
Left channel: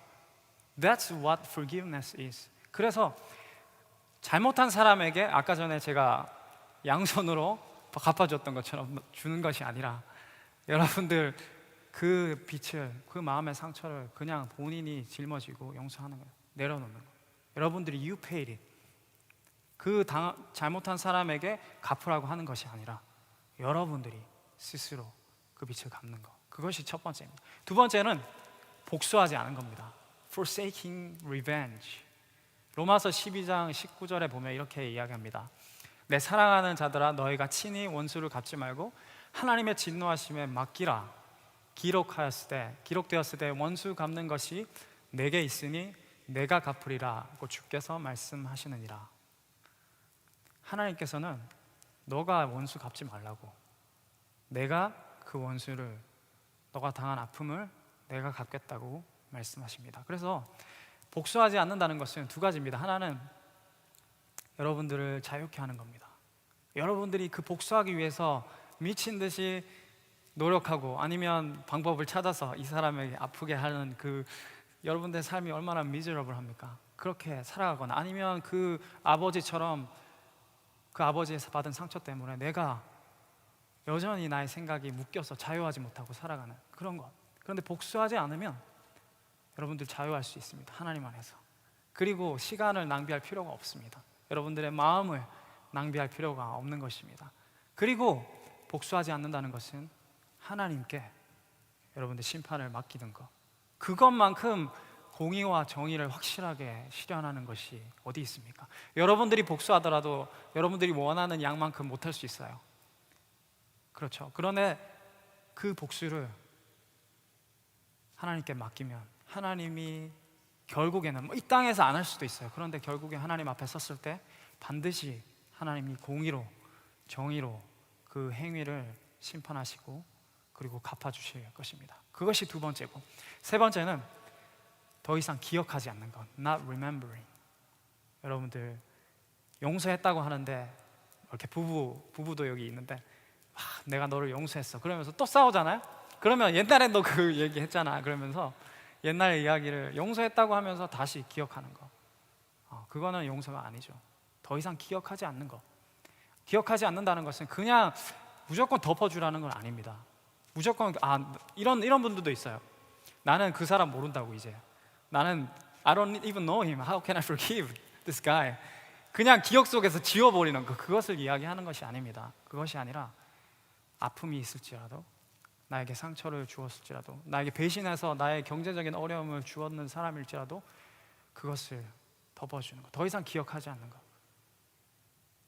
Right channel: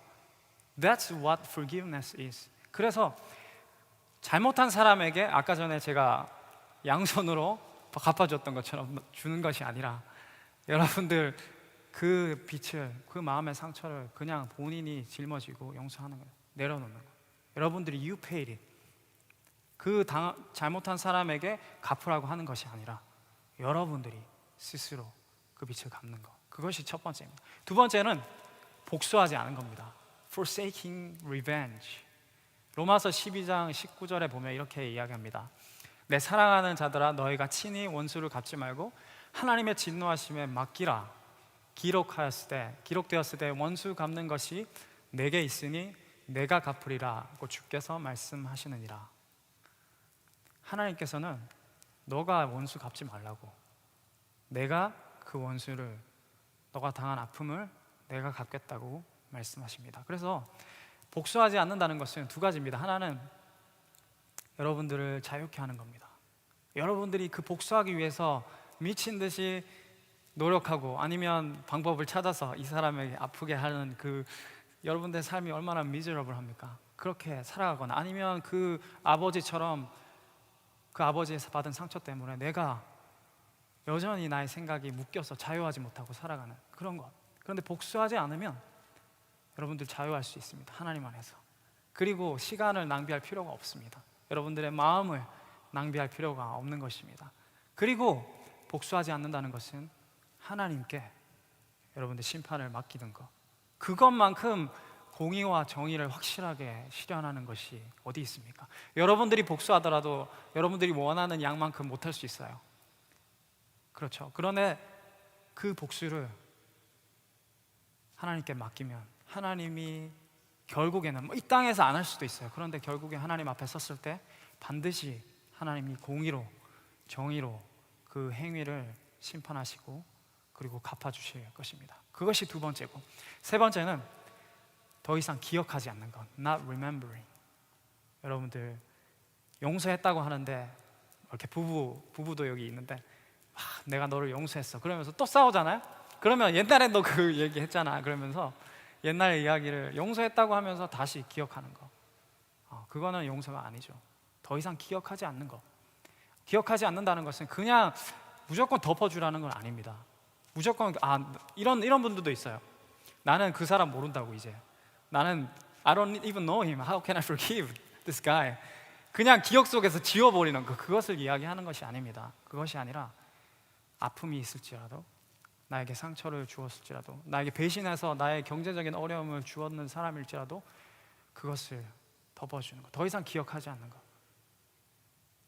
That's what forgiveness is. 그래서 잘못한 사람에게 아까 전에 제가 양손으로 갚아줬던 것처럼 주는 것이 아니라, 여러분들 그 빚을, 그 마음의 상처를 그냥 본인이 짊어지고 용서하는 거예요. 내려놓는 거예요. 여러분들이 you paid it. 그 잘못한 사람에게 갚으라고 하는 것이 아니라 여러분들이 스스로 그 빚을 갚는 것. 그것이 첫 번째입니다. 2번째는 복수하지 않은 겁니다. Forsaking revenge. 로마서 12장 19절에 보면 이렇게 이야기합니다. 내 사랑하는 자들아, 너희가 친히 원수를 갚지 말고 하나님의 진노하심에 맡기라. 기록되었을 때 원수 갚는 것이 내게 있으니 내가 갚으리라고 주께서 말씀하시느니라. 하나님께서는 너가 원수 갚지 말라고, 내가 그 원수를, 너가 당한 아픔을 내가 갚겠다고 말씀하십니다. 그래서 복수하지 않는다는 것은 2가지입니다. 하나는 여러분들을 자유케 하는 겁니다. 여러분들이 그 복수하기 위해서 미친 듯이 노력하고 아니면 방법을 찾아서 이 사람에게 아프게 하는 그 여러분들의 삶이 얼마나 미저러블합니까? 그렇게 살아가거나, 아니면 그 아버지처럼 그 아버지에서 받은 상처 때문에 내가 여전히 나의 생각이 묶여서 자유하지 못하고 살아가는 그런 것. 그런데 복수하지 않으면 여러분들 자유할 수 있습니다. 하나님 안에서. 그리고 시간을 낭비할 필요가 없습니다. 여러분들의 마음을 낭비할 필요가 없는 것입니다. 그리고 복수하지 않는다는 것은 하나님께 여러분들 심판을 맡기는 것, 그것만큼 공의와 정의를 확실하게 실현하는 것이 어디 있습니까? 여러분들이 복수하더라도 여러분들이 원하는 양만큼 못할 수 있어요. 그렇죠. 그런데 그 복수를 하나님께 맡기면 하나님이 결국에는 이 땅에서 안 할 수도 있어요. 그런데 결국에 하나님 앞에 섰을 때 반드시 하나님이 공의로, 정의로 그 행위를 심판하시고 그리고 갚아주실 것입니다. 그것이 2번째고, 3번째는 더 이상 기억하지 않는 것, not remembering. 여러분들 용서했다고 하는데 이렇게 부부도 여기 있는데 내가 너를 용서했어 그러면서 또 싸우잖아요. 그러면 옛날에 너 그 얘기 했잖아 그러면서 옛날 이야기를 용서했다고 하면서 다시 기억하는 거, 그거는 용서가 아니죠. 더 이상 기억하지 않는 거. 기억하지 않는다는 것은 그냥 무조건 덮어주라는 건 아닙니다. 무조건 이런 분들도 있어요. 나는 그 사람 모른다고 이제. 나는 I don't even know him. How can I forgive this guy? 그냥 기억 속에서 지워버리는 거, 그것을 이야기하는 것이 아닙니다. 그것이 아니라 아픔이 있을지라도, 나에게 상처를 주었을지라도, 나에게 배신해서 나의 경제적인 어려움을 주었는 사람일지라도 그것을 덮어주는 거, 더 이상 기억하지 않는 거.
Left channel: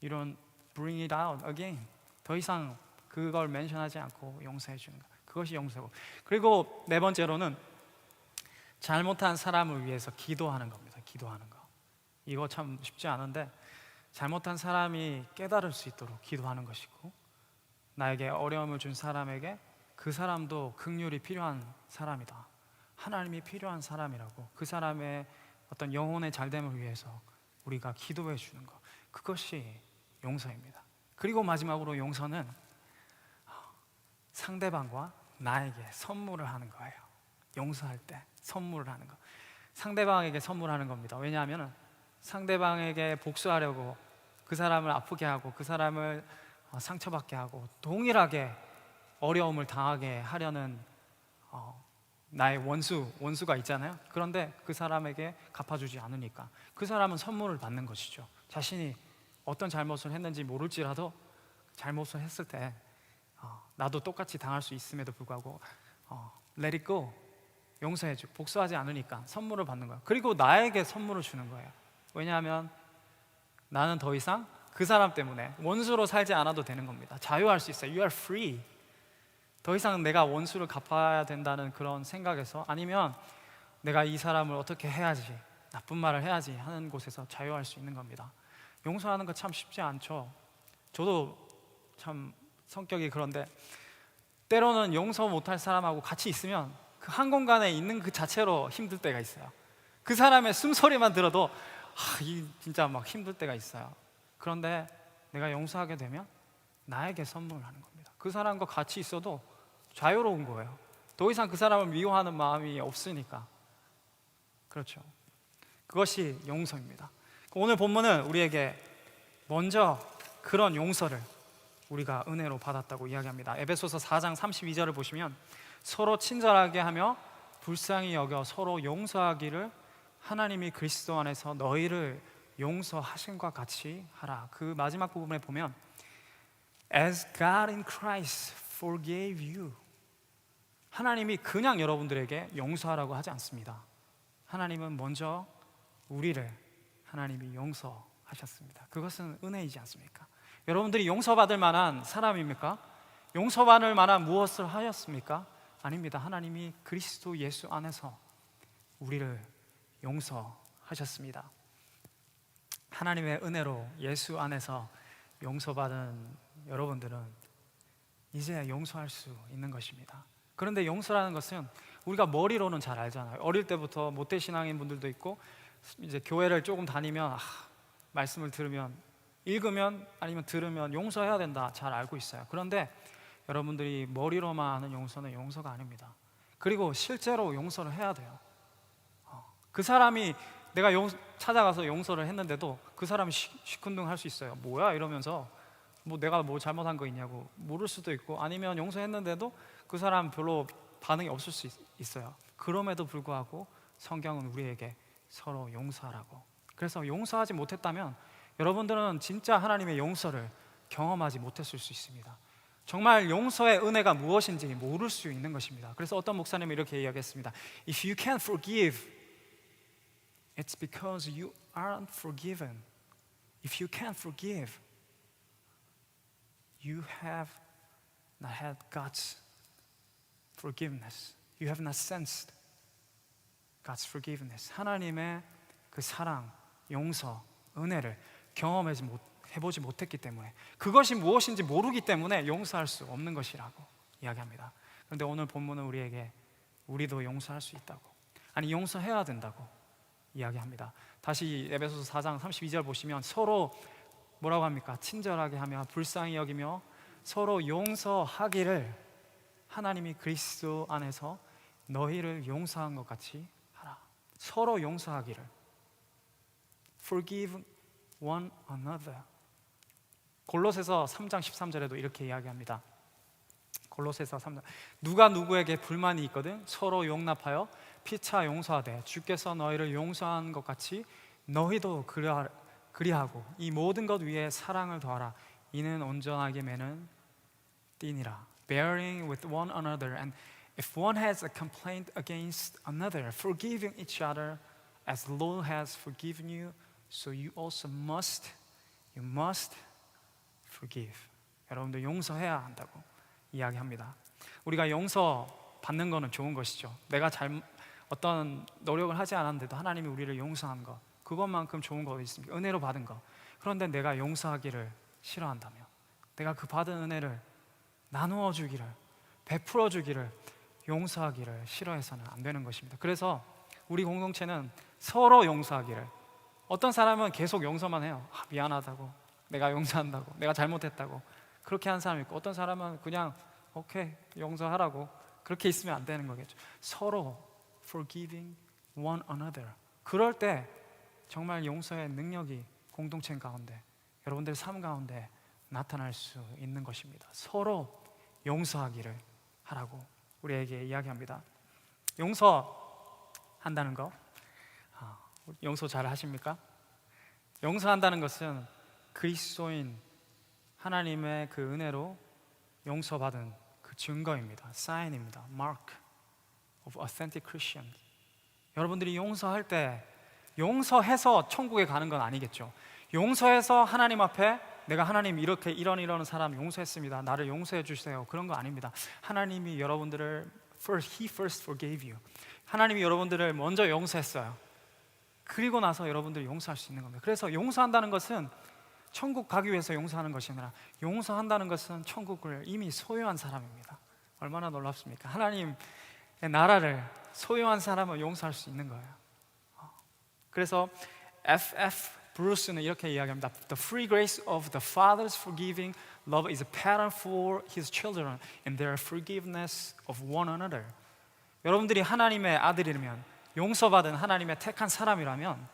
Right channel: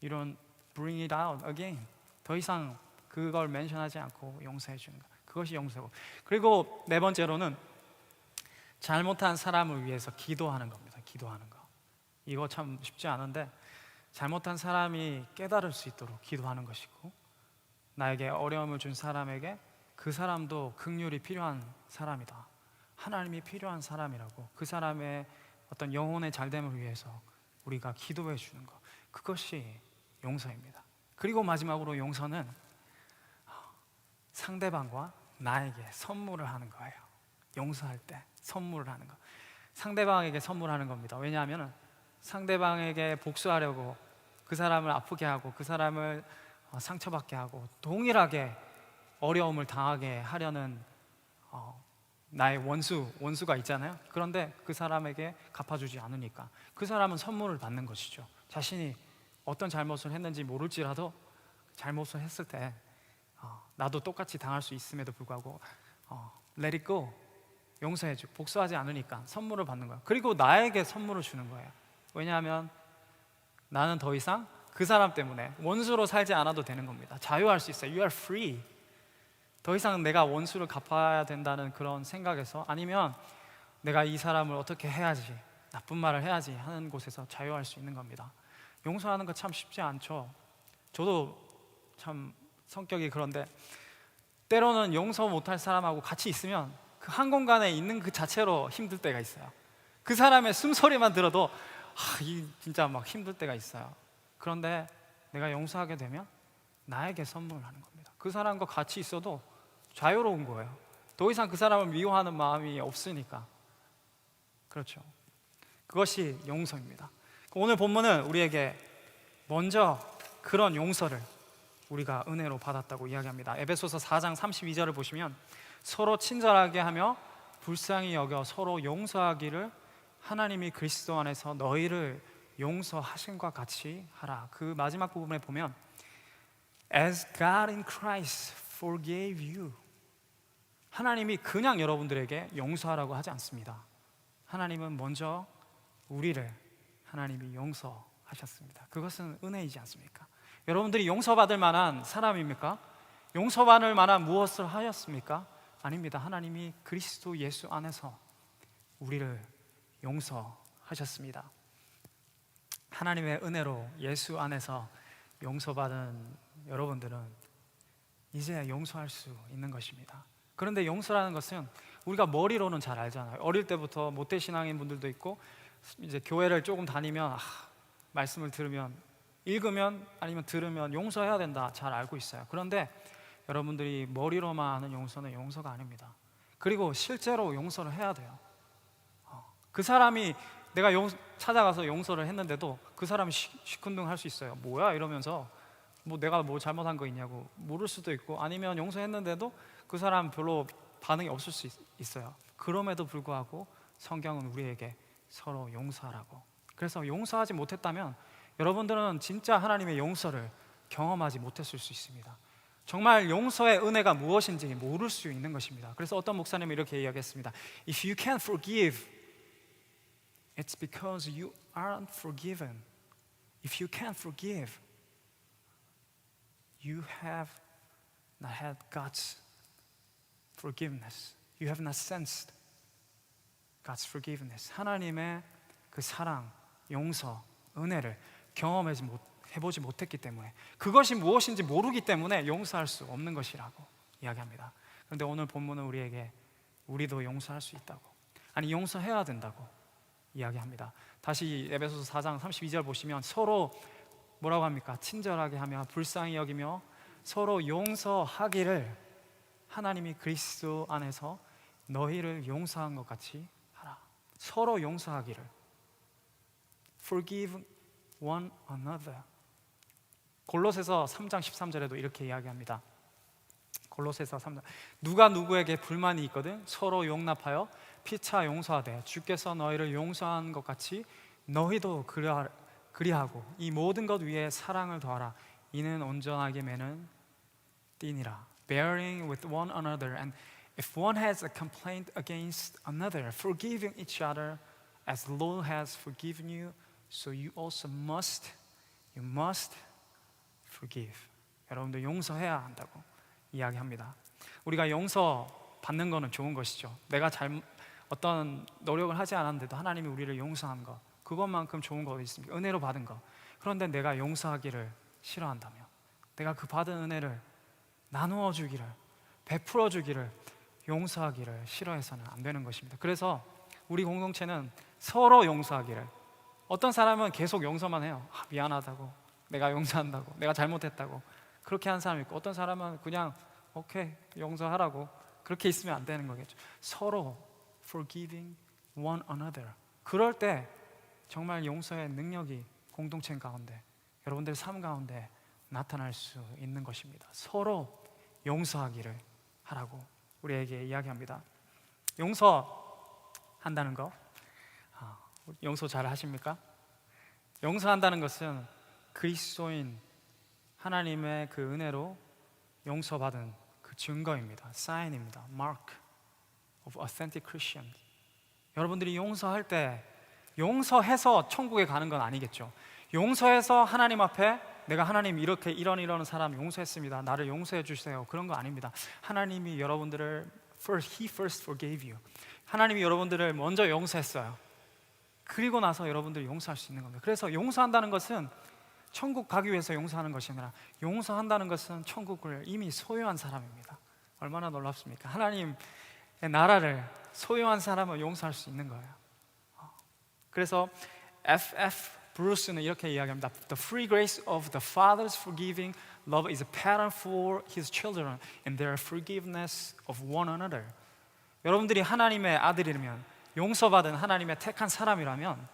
이런 bring it out again, 더 이상 그걸 멘션하지 않고 용서해 주는 거, 그것이 용서고. 그리고 네 번째로는 잘못한 사람을 위해서 기도하는 겁니다. 기도하는 거. 이거 참 쉽지 않은데 잘못한 사람이 깨달을 수 있도록 기도하는 것이고, 나에게 어려움을 준 사람에게 그 사람도 긍휼이 필요한 사람이다, 하나님이 필요한 사람이라고, 그 사람의 어떤 영혼의 잘됨을 위해서 우리가 기도해 주는 것, 그것이 용서입니다. 그리고 마지막으로 용서는 상대방과 나에게 선물을 하는 거예요. 용서할 때 선물을 하는 거, 상대방에게 선물하는 겁니다. 왜냐하면 상대방에게 복수하려고 그 사람을 아프게 하고 그 사람을 상처받게 하고 동일하게 어려움을 당하게 하려는 나의 원수가 있잖아요. 그런데 그 사람에게 갚아주지 않으니까 그 사람은 선물을 받는 것이죠. 자신이 어떤 잘못을 했는지 모를지라도 잘못을 했을 때 나도 똑같이 당할 수 있음에도 불구하고 let it go, 용서해줘. 복수하지 않으니까 선물을 받는 거예요. 그리고 나에게 선물을 주는 거예요. 왜냐하면 나는 더 이상 그 사람 때문에 원수로 살지 않아도 되는 겁니다. 자유할 수 있어요. You are free. 더 이상 내가 원수를 갚아야 된다는 그런 생각에서, 아니면 내가 이 사람을 어떻게 해야지, 나쁜 말을 해야지 하는 곳에서 자유할 수 있는 겁니다. 용서하는 거 참 쉽지 않죠. 저도 참 성격이 그런데 때로는 용서 못할 사람하고 같이 있으면 그 한 공간에 있는 그 자체로 힘들 때가 있어요. 그 사람의 숨소리만 들어도 진짜 막 힘들 때가 있어요. 그런데 내가 용서하게 되면 나에게 선물을 하는 겁니다. 그 사람과 같이 있어도 자유로운 거예요. 더 이상 그 사람을 미워하는 마음이 없으니까. 그렇죠. 그것이 용서입니다. 오늘 본문은 우리에게 먼저 그런 용서를 우리가 은혜로 받았다고 이야기합니다. 에베소서 4장 32절을 보시면 서로 친절하게 하며 불쌍히 여겨 서로 용서하기를 하나님이 그리스도 안에서 너희를 용서하신과 같이 하라. 그 마지막 부분에 보면 As God in Christ forgave you, 하나님이 그냥 여러분들에게 용서하라고 하지 않습니다. 하나님은 먼저 우리를 하나님이 용서하셨습니다. 그것은 은혜이지 않습니까? 여러분들이 용서받을 만한 사람입니까? 용서받을 만한 무엇을 하였습니까? 아닙니다. 하나님이 그리스도 예수 안에서 우리를 용서하셨습니다. 하나님의 은혜로 예수 안에서 용서받은 여러분들은 이제 용서할 수 있는 것입니다. 그런데 용서라는 것은 우리가 머리로는 잘 알잖아요. 어릴 때부터 모태신앙인 분들도 있고, 이제 교회를 조금 다니면 말씀을 들으면, 읽으면, 아니면 들으면 용서해야 된다 잘 알고 있어요. 그런데 여러분들이 머리로만 아는 용서는 용서가 아닙니다. 그리고 실제로 용서를 해야 돼요. 그 사람이 내가 찾아가서 용서를 했는데도 그 사람이 시큰둥할 수 있어요. 뭐야 이러면서 내가 뭐 잘못한 거 있냐고 물을 수도 있고, 아니면 용서했는데도 그 사람 별로 반응이 없을 수 있어요. 그럼에도 불구하고 성경은 우리에게 서로 용서하라고. 그래서 용서하지 못했다면 여러분들은 진짜 하나님의 용서를 경험하지 못했을 수 있습니다. 정말 용서의 은혜가 무엇인지 모를 수 있는 것입니다. 그래서 어떤 목사님이 이렇게 이야기했습니다. If you can't forgive, it's because you aren't forgiven. If you can't forgive, you have not had God's forgiveness. You have not sensed God's forgiveness. 하나님의 그 사랑, 용서, 은혜를 해보지 못했기 때문에, 그것이 무엇인지 모르기 때문에 용서할 수 없는 것이라고 이야기합니다. 그런데 오늘 본문은 우리도 용서할 수 있다고, 아니 용서해야 된다고 이야기합니다. 다시 에베소서 4장 32절 보시면 서로 뭐라고 합니까? 친절하게 하며 불쌍히 여기며 서로 용서하기를 하나님이 그리스도 안에서 너희를 용서한 것 같이 하라. 서로 용서하기를. Forgive one another. 골로새서 3장 13절에도 이렇게 이야기합니다. 골로새서 3장 누가 누구에게 불만이 있거든 서로 용납하여 피차 용서하되 주께서 너희를 용서한 것 같이 너희도 그리하고 이 모든 것 위에 사랑을 더하라. 이는 온전하게 매는 띠니라. Bearing with one another, and if one has a complaint against another, forgiving each other as the Lord has forgiven you, so you also must forgive. 여러분들 용서해야 한다고 이야기합니다. 우리가 용서 받는 거는 좋은 것이죠. 내가 어떤 노력을 하지 않았는데도 하나님이 우리를 용서한 것, 그것만큼 좋은 거 있습니까? 은혜로 받은 거. 그런데 내가 용서하기를 싫어한다면, 내가 그 받은 은혜를 나누어 주기를, 베풀어 주기를, 용서하기를 싫어해서는 안 되는 것입니다. 그래서 우리 공동체는 서로 용서하기를. 어떤 사람은 계속 용서만 해요. 미안하다고, 내가 용서한다고, 내가 잘못했다고 그렇게 한 사람이 있고, 어떤 사람은 그냥 오케이 용서하라고 그렇게 있으면 안 되는 거겠죠. 서로 forgiving one another. 그럴 때 정말 용서의 능력이 공동체 가운데, 여러분들 삶 가운데 나타날 수 있는 것입니다. 서로 용서하기를 하라고 우리에게 이야기합니다. 용서한다는 거, 용서 잘 하십니까? 용서한다는 것은 그리스도인 하나님의 그 은혜로 용서받은 그 증거입니다. 사인입니다. Mark of authentic Christians. 여러분들이 용서할 때 용서해서 천국에 가는 건 아니겠죠. 용서해서 하나님 앞에 내가 하나님 이렇게 이런 사람 용서했습니다. 나를 용서해 주세요. 그런 거 아닙니다. 하나님이 여러분들을 He first forgave you. 하나님이 여러분들을 먼저 용서했어요. 그리고 나서 여러분들이 용서할 수 있는 겁니다. 그래서 용서한다는 것은 천국 가기 위해서 용서하는 것이 아니라 용서한다는 것은 천국을 이미 소유한 사람입니다. 얼마나 놀랍습니까? 하나님의 나라를 소유한 사람은 용서할 수 있는 거예요. 그래서 F.F. 브루스는 이렇게 이야기합니다. The free grace of the Father's forgiving love is a pattern for His children in their forgiveness of one another. 여러분들이 하나님의 아들이라면, 용서받은 하나님의 택한 사람이라면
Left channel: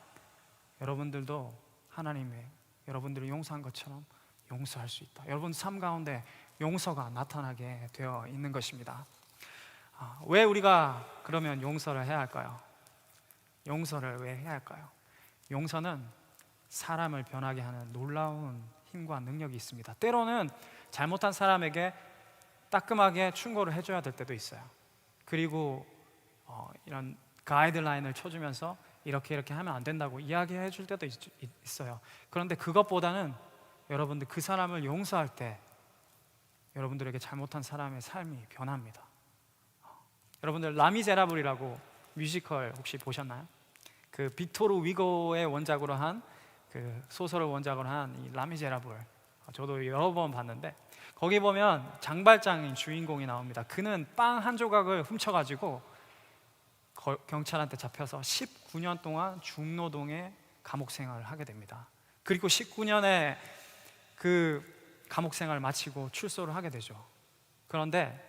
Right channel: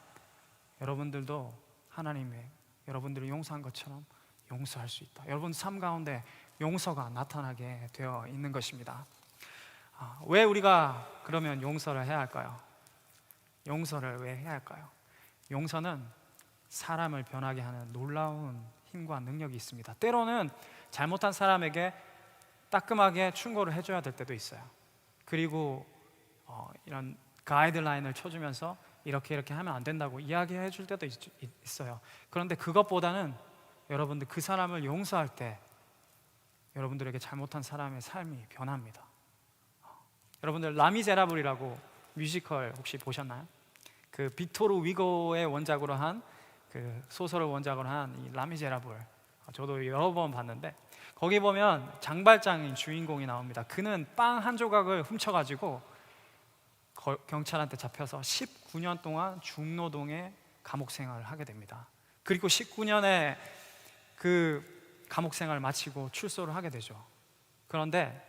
여러분들도 하나님의 여러분들을 용서한 것처럼 용서할 수 있다. 여러분 삶 가운데 용서가 나타나게 되어 있는 것입니다. 왜 우리가 그러면 용서를 해야 할까요? 용서를 왜 해야 할까요? 용서는 사람을 변하게 하는 놀라운 힘과 능력이 있습니다. 때로는 잘못한 사람에게 따끔하게 충고를 해줘야 될 때도 있어요. 그리고 이런 가이드라인을 쳐주면서 이렇게 하면 안 된다고 이야기해 줄 때도 있어요. 그런데 그것보다는 여러분들 그 사람을 용서할 때 여러분들에게 잘못한 사람의 삶이 변합니다. 여러분들 라미제라블이라고 뮤지컬 혹시 보셨나요? 그 빅토르 위고의 원작으로 한 그 소설을 원작으로 한 이 라미제라블, 저도 여러 번 봤는데 거기 보면 장발장인 주인공이 나옵니다. 그는 빵 한 조각을 훔쳐가지고 경찰한테 잡혀서 19년 동안 중노동의 감옥 생활을 하게 됩니다. 그리고 19년의 그 감옥 생활을 마치고 출소를 하게 되죠. 그런데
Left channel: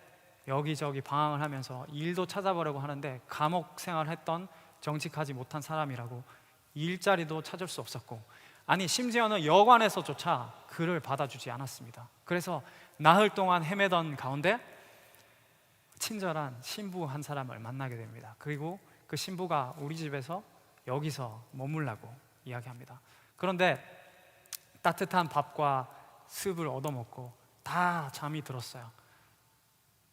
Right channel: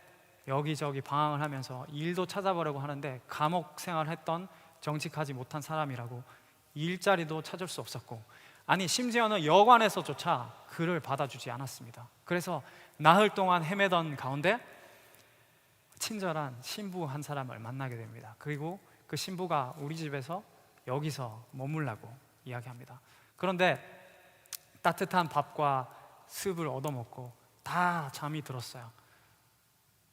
여기저기 방황을 하면서 일도 찾아보려고 하는데 감옥 생활을 했던 정직하지 못한 사람이라고 일자리도 찾을 수 없었고, 아니 심지어는 여관에서조차 그를 받아주지 않았습니다. 그래서 나흘 동안 헤매던 가운데 친절한 신부 한 사람을 만나게 됩니다. 그리고 그 신부가 우리 집에서 여기서 머물라고 이야기합니다. 그런데 따뜻한 밥과 습을 얻어먹고 다 잠이 들었어요.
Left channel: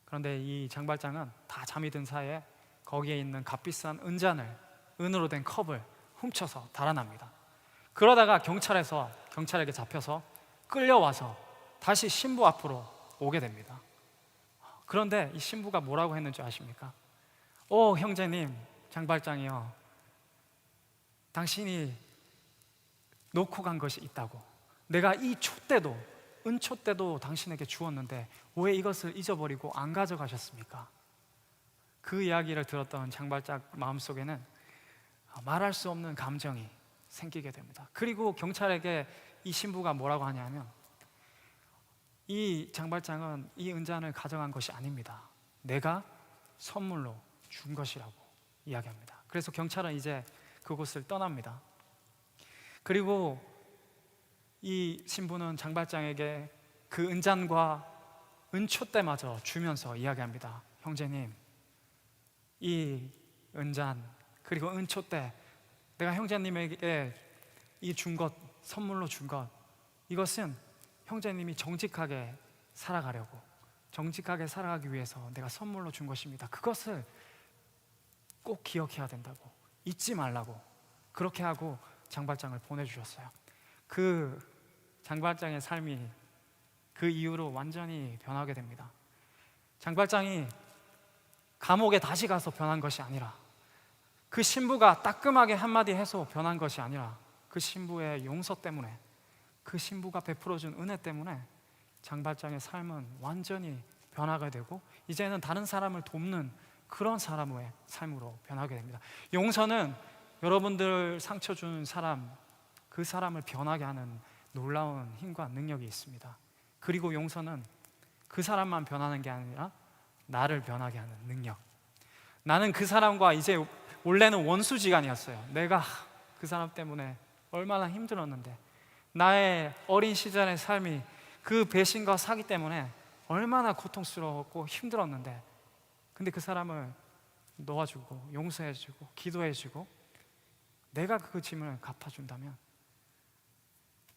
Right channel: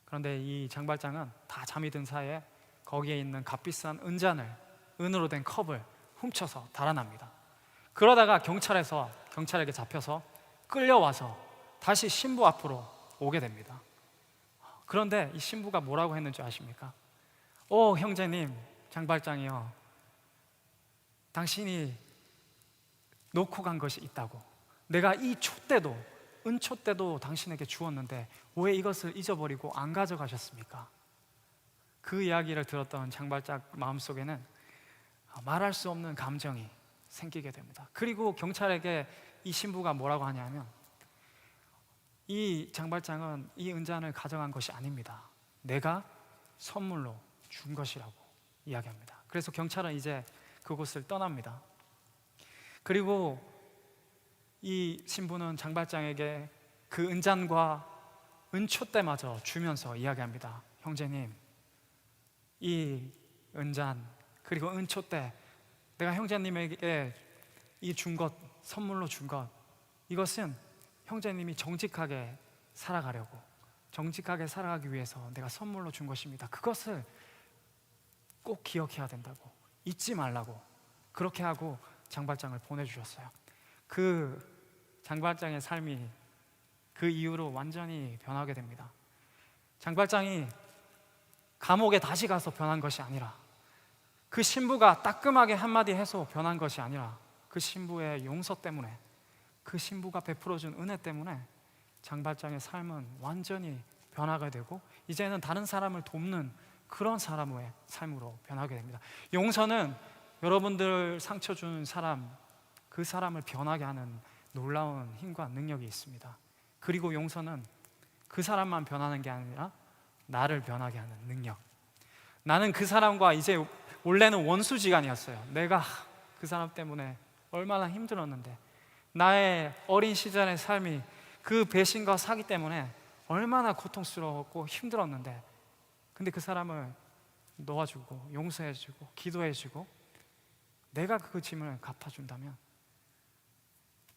그런데 이 장발장은 다 잠이 든 사이에 거기에 있는 값비싼 은으로 된 컵을 훔쳐서 달아납니다. 그러다가 경찰에게 잡혀서 끌려와서 다시 신부 앞으로 오게 됩니다. 그런데 이 신부가 뭐라고 했는지 아십니까? 형제님, 장발장이요, 당신이 놓고 간 것이 있다고. 내가 이 은촛대도 당신에게 주었는데 왜 이것을 잊어버리고 안 가져가셨습니까? 그 이야기를 들었던 장발장 마음속에는 말할 수 없는 감정이 생기게 됩니다. 그리고 경찰에게 이 신부가 뭐라고 하냐면, 이 장발장은 이 은잔을 가져간 것이 아닙니다. 내가 선물로 준 것이라고 이야기합니다. 그래서 경찰은 이제 그곳을 떠납니다. 그리고 이 신부는 장발장에게 그 은잔과 은촛대마저 주면서 이야기합니다. 형제님, 이 은잔 그리고 은촛대, 내가 형제님에게 이 준 것, 선물로 준 것, 이것은 형제님이 정직하게 살아가려고, 정직하게 살아가기 위해서 내가 선물로 준 것입니다. 그것을 꼭 기억해야 된다고, 잊지 말라고, 그렇게 하고 장발장을 보내주셨어요. 그 장발장의 삶이 그 이후로 완전히 변하게 됩니다. 장발장이 감옥에 다시 가서 변한 것이 아니라, 그 신부가 따끔하게 한마디 해서 변한 것이 아니라, 그 신부의 용서 때문에, 그 신부가 베풀어준 은혜 때문에 장발장의 삶은 완전히 변하게 되고, 이제는 다른 사람을 돕는 그런 사람의 삶으로 변하게 됩니다. 용서는 여러분들 상처 주는 사람, 그 사람을 변하게 하는 놀라운 힘과 능력이 있습니다. 그리고 용서는 그 사람만 변하는 게 아니라 나를 변하게 하는 능력. 나는 그 사람과 이제 원래는 원수지간이었어요. 내가 그 사람 때문에 얼마나 힘들었는데, 나의 어린 시절의 삶이 그 배신과 사기 때문에 얼마나 고통스러웠고 힘들었는데, 근데 그 사람을 놓아주고 용서해주고 기도해주고 내가 그 짐을 갚아준다면,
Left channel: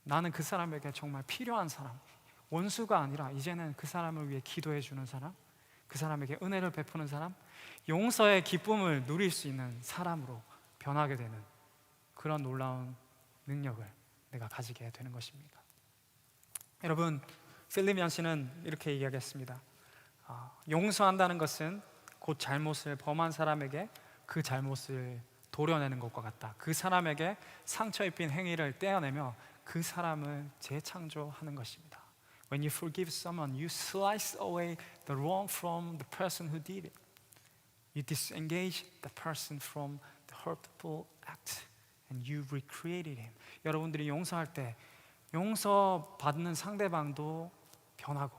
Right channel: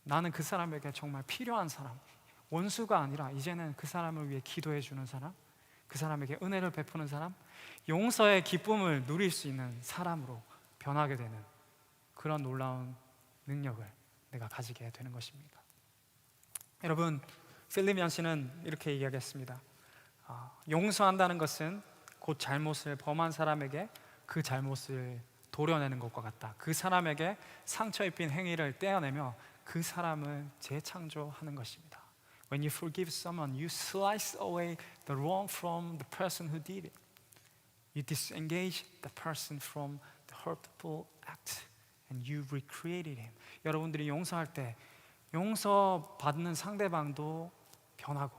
나는 그 사람에게 정말 필요한 사람, 원수가 아니라 이제는 그 사람을 위해 기도해주는 사람, 그 사람에게 은혜를 베푸는 사람, 용서의 기쁨을 누릴 수 있는 사람으로 변하게 되는 그런 놀라운 능력을 내가 가지게 되는 것입니다. 여러분, 필립 연스는 이렇게 이야기했습니다. 용서한다는 것은 곧 잘못을 범한 사람에게 그 잘못을 도려내는 것과 같다. 그 사람에게 상처 입힌 행위를 떼어내며 그 사람을 재창조하는 것입니다. When you forgive someone, you slice away the wrong from the person who did it. You disengage the person from the hurtful act and you recreated him. 여러분들이 용서할 때 용서받는 상대방도 변하고,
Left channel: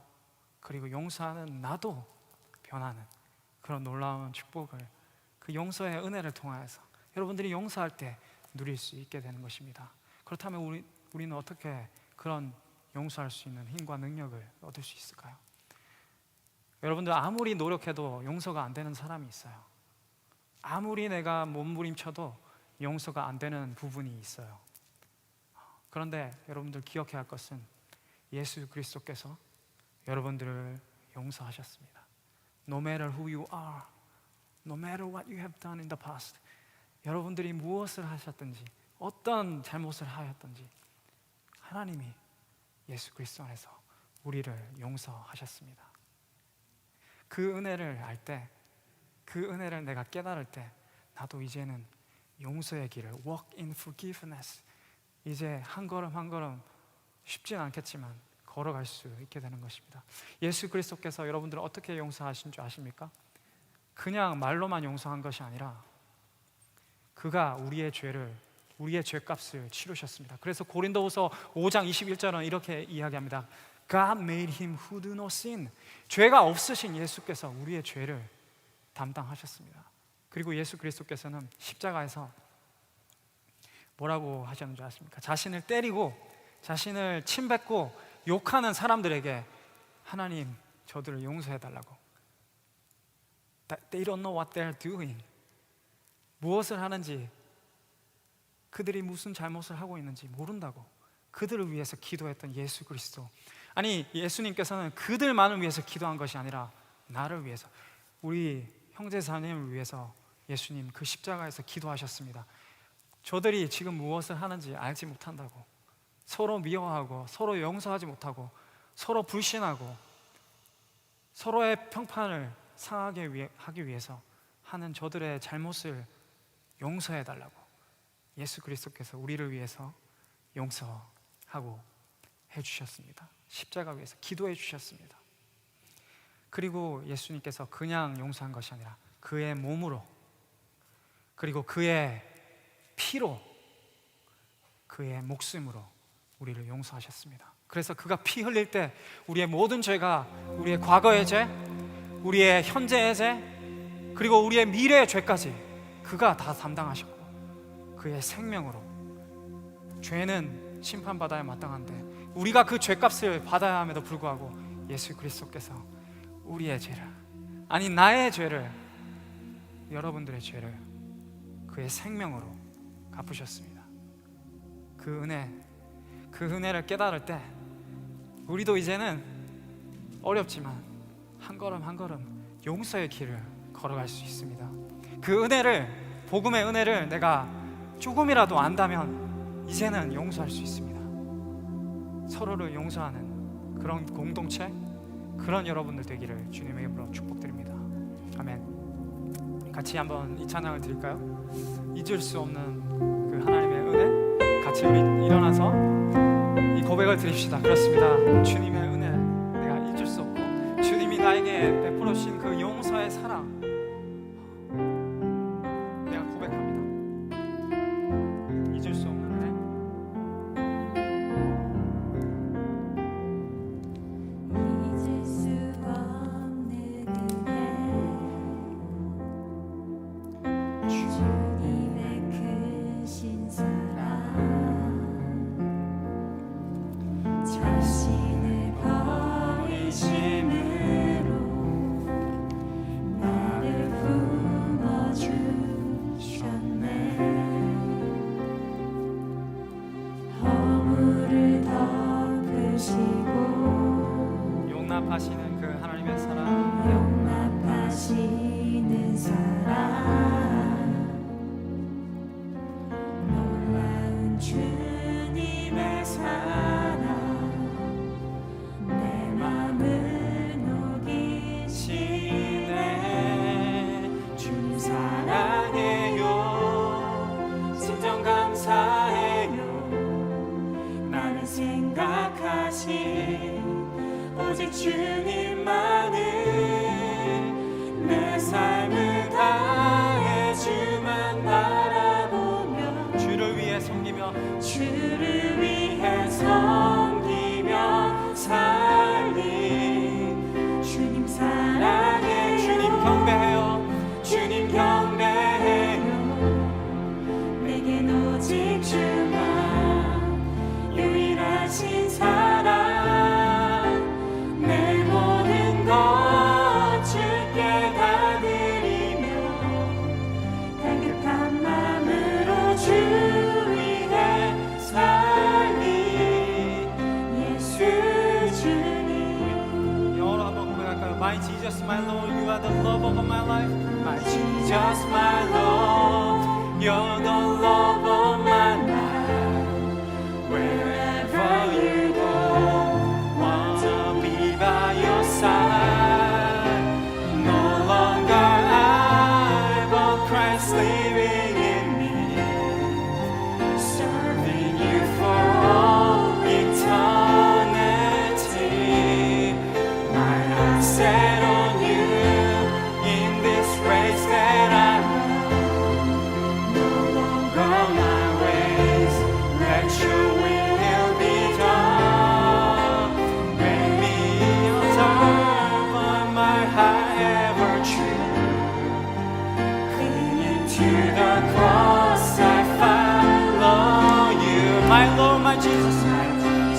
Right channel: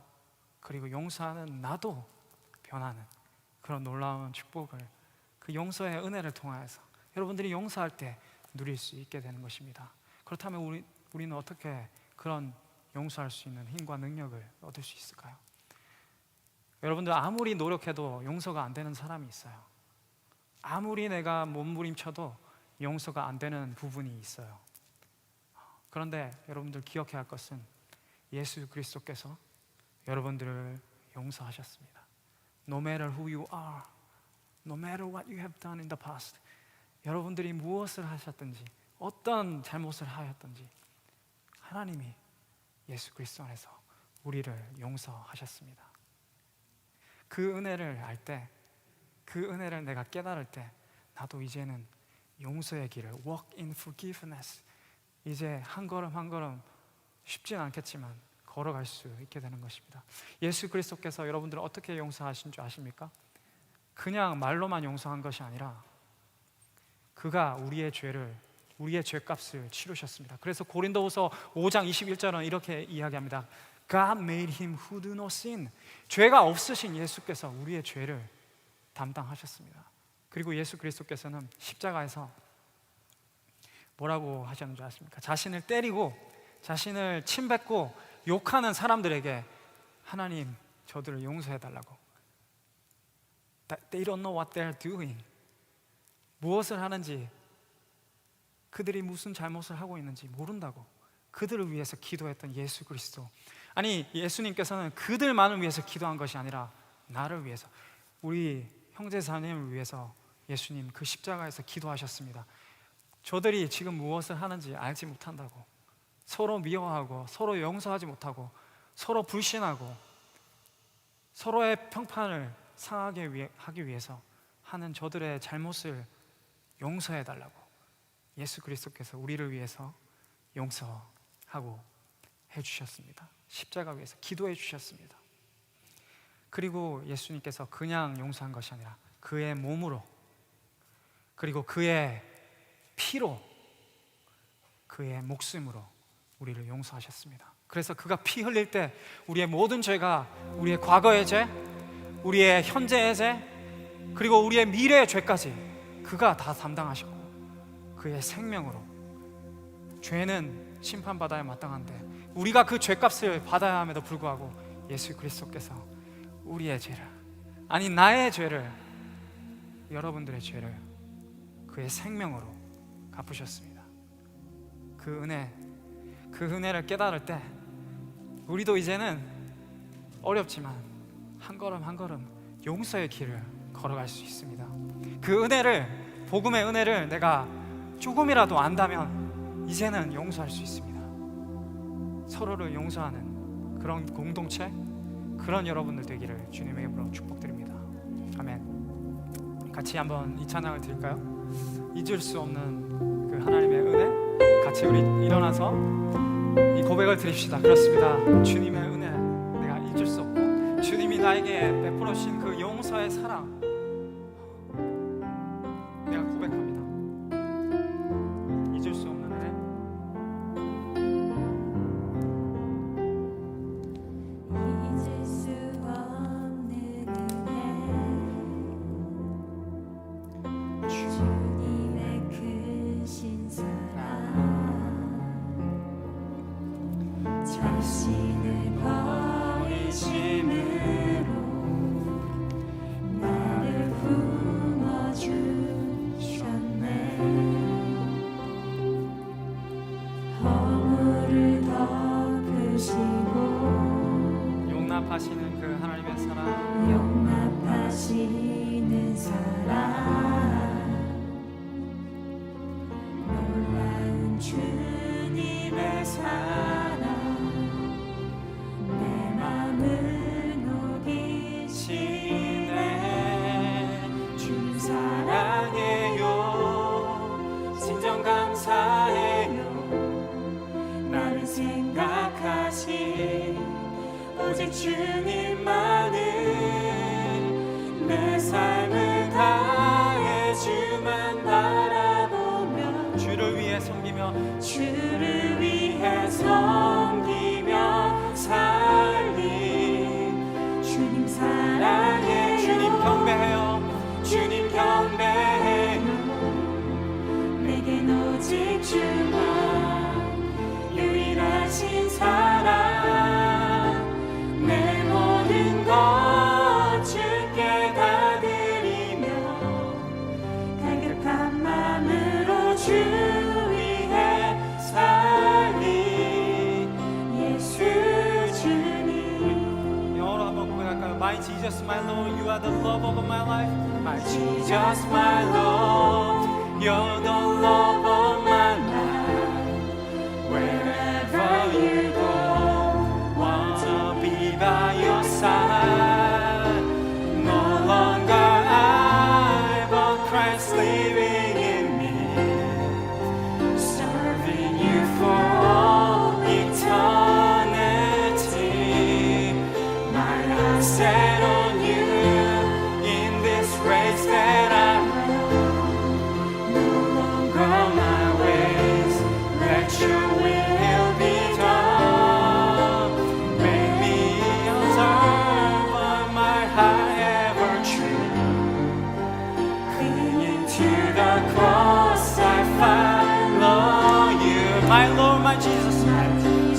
그리고 용서하는 나도 변하는 그런 놀라운 축복을 그 용서의 은혜를 통하여서 여러분들이 용서할 때 누릴 수 있게 되는 것입니다. 그렇다면 우리는 어떻게 그런 용서할 수 있는 힘과 능력을 얻을 수 있을까요? 여러분들, 아무리 노력해도 용서가 안 되는 사람이 있어요. 아무리 내가 몸부림쳐도 용서가 안 되는 부분이 있어요. 그런데 여러분들 기억해야 할 것은 예수 그리스도께서 여러분들을 용서하셨습니다. No matter who you are, no matter what you have done in the past, 여러분들이 무엇을 하셨든지, 어떤 잘못을 하였든지 하나님이 예수 그리스도 안에서 우리를 용서하셨습니다. 그 은혜를 알 때, 그 은혜를 내가 깨달을 때, 나도 이제는 용서의 길을 walk in forgiveness, 이제 한 걸음 한 걸음 쉽진 않겠지만 걸어갈 수 있게 되는 것입니다. 예수 그리스도께서 여러분들을 어떻게 용서하신 줄 아십니까? 그냥 말로만 용서한 것이 아니라 그가 우리의 죄값을 치르셨습니다. 그래서 고린도후서 5장 21절은 이렇게 이야기합니다. God made him who do no sin. 죄가 없으신 예수께서 우리의 죄를 담당하셨습니다. 그리고 예수 그리스도께서는 십자가에서 뭐라고 하셨는 줄 아십니까? 자신을 때리고 자신을 침뱉고 욕하는 사람들에게 하나님, 저들을 용서해달라고. They don't know what they're doing. 무엇을 하는지, 그들이 무슨 잘못을 하고 있는지 모른다고 그들을 위해서 기도했던 예수 그리스도. 아니, 예수님께서는 그들만을 위해서 기도한 것이 아니라 나를 위해서, 우리 형제자매를 위해서 예수님 그 십자가에서 기도하셨습니다. 저들이 지금 무엇을 하는지 알지 못한다고, 서로 미워하고 서로 용서하지 못하고 서로 불신하고 서로의 평판을 상하게 하기 위해서 하는 저들의 잘못을 용서해달라고 예수 그리스도께서 우리를 위해서 용서하고 해주셨습니다. 십자가 위에서 기도해 주셨습니다. 그리고 예수님께서 그냥 용서한 것이 아니라 그의 몸으로, 그리고 그의 피로 그의 목숨으로 우리를 용서하셨습니다. 그래서 그가 피 흘릴 때 우리의 모든 죄가, 우리의 과거의 죄, 우리의 현재의 죄, 그리고 우리의 미래의 죄까지 그가 다 담당하셨고, 그의 생명으로, 죄는 심판받아야 마땅한데 우리가 그 죄값을 받아야 함에도 불구하고 예수 그리스도께서 우리의 죄를, 아니 나의 죄를, 여러분들의 죄를 그의 생명으로 갚으셨습니다. 그 은혜를 깨달을 때 우리도 이제는 어렵지만 한 걸음 한 걸음 용서의 길을 걸어갈 수 있습니다. 그 은혜를, 복음의 은혜를 내가 조금이라도 안다면 이제는 용서할 수 있습니다. 서로를 용서하는 그런 공동체, 그런 여러분들 되기를 주님의 이름으로 축복드립니다. 아멘. 같이 한번 이 찬양을 드릴까요? 잊을 수 없는 그 하나님의 은혜, 같이 우리 일어나서 이 고백을 드립시다. 그렇습니다. 주님의 은혜 내가 잊을 수 없고, 주님이 나에게 베풀어 주신 그 용서의 사랑 내가 고백합니다. 잊을 수 없는 은혜. 잊을 수 없는 은혜, 주님의 크신 사랑, 자신을 버리심으로 나를 품어주셨네. 허물을 덮으시고 용납하시는 그 하나님의 사랑, 용납하시는 사랑, 놀라운 주님의 사랑, 내 맘을 녹이시네. 주님 사랑해요, 진정 감사해요. 나를 생각하신 오직 주님만을, 내 삶을 다해 주만 바라보며 주를 위해 섬기며, 주를 위해 섬기며 살린 주님 사랑해요. 주님 경배해요, 주님 경배해요. 내겐 오직 주만 유일하신 사랑, 내 모든 것 주께 다 드리며 갈급한 마음으로 주 위해 살린 예수 주님. 영어로 한번 고백할까요? My Jesus, my Lord, you are the love of my life. My Jesus my Lord, you're the love of my life. Wherever you go, wanna be by your side. No longer I, but Christ living in me, serving you for all eternity. My eyes set on you in this race that I run. No longer my ways, let your will be done. Make me observe of my heart ever true. Clinging to the cross, I follow you. My Lord, my Jesus,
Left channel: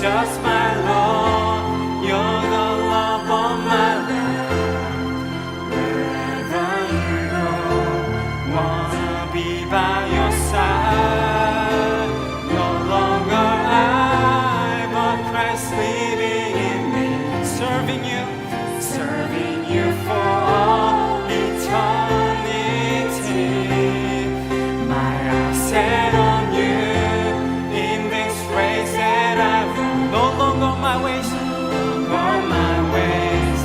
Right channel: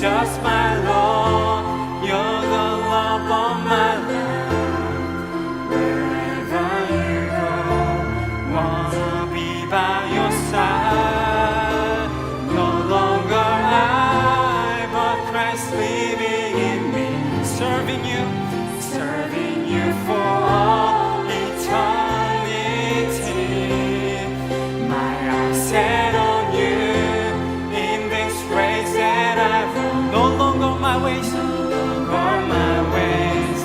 just my Lord, you're the love of my life. Wherever you go, wanna be by your side. No longer I, but Christ living in me, serving you for all eternity. My eyes set on you in this race that I run. No longer my ways, no longer my ways,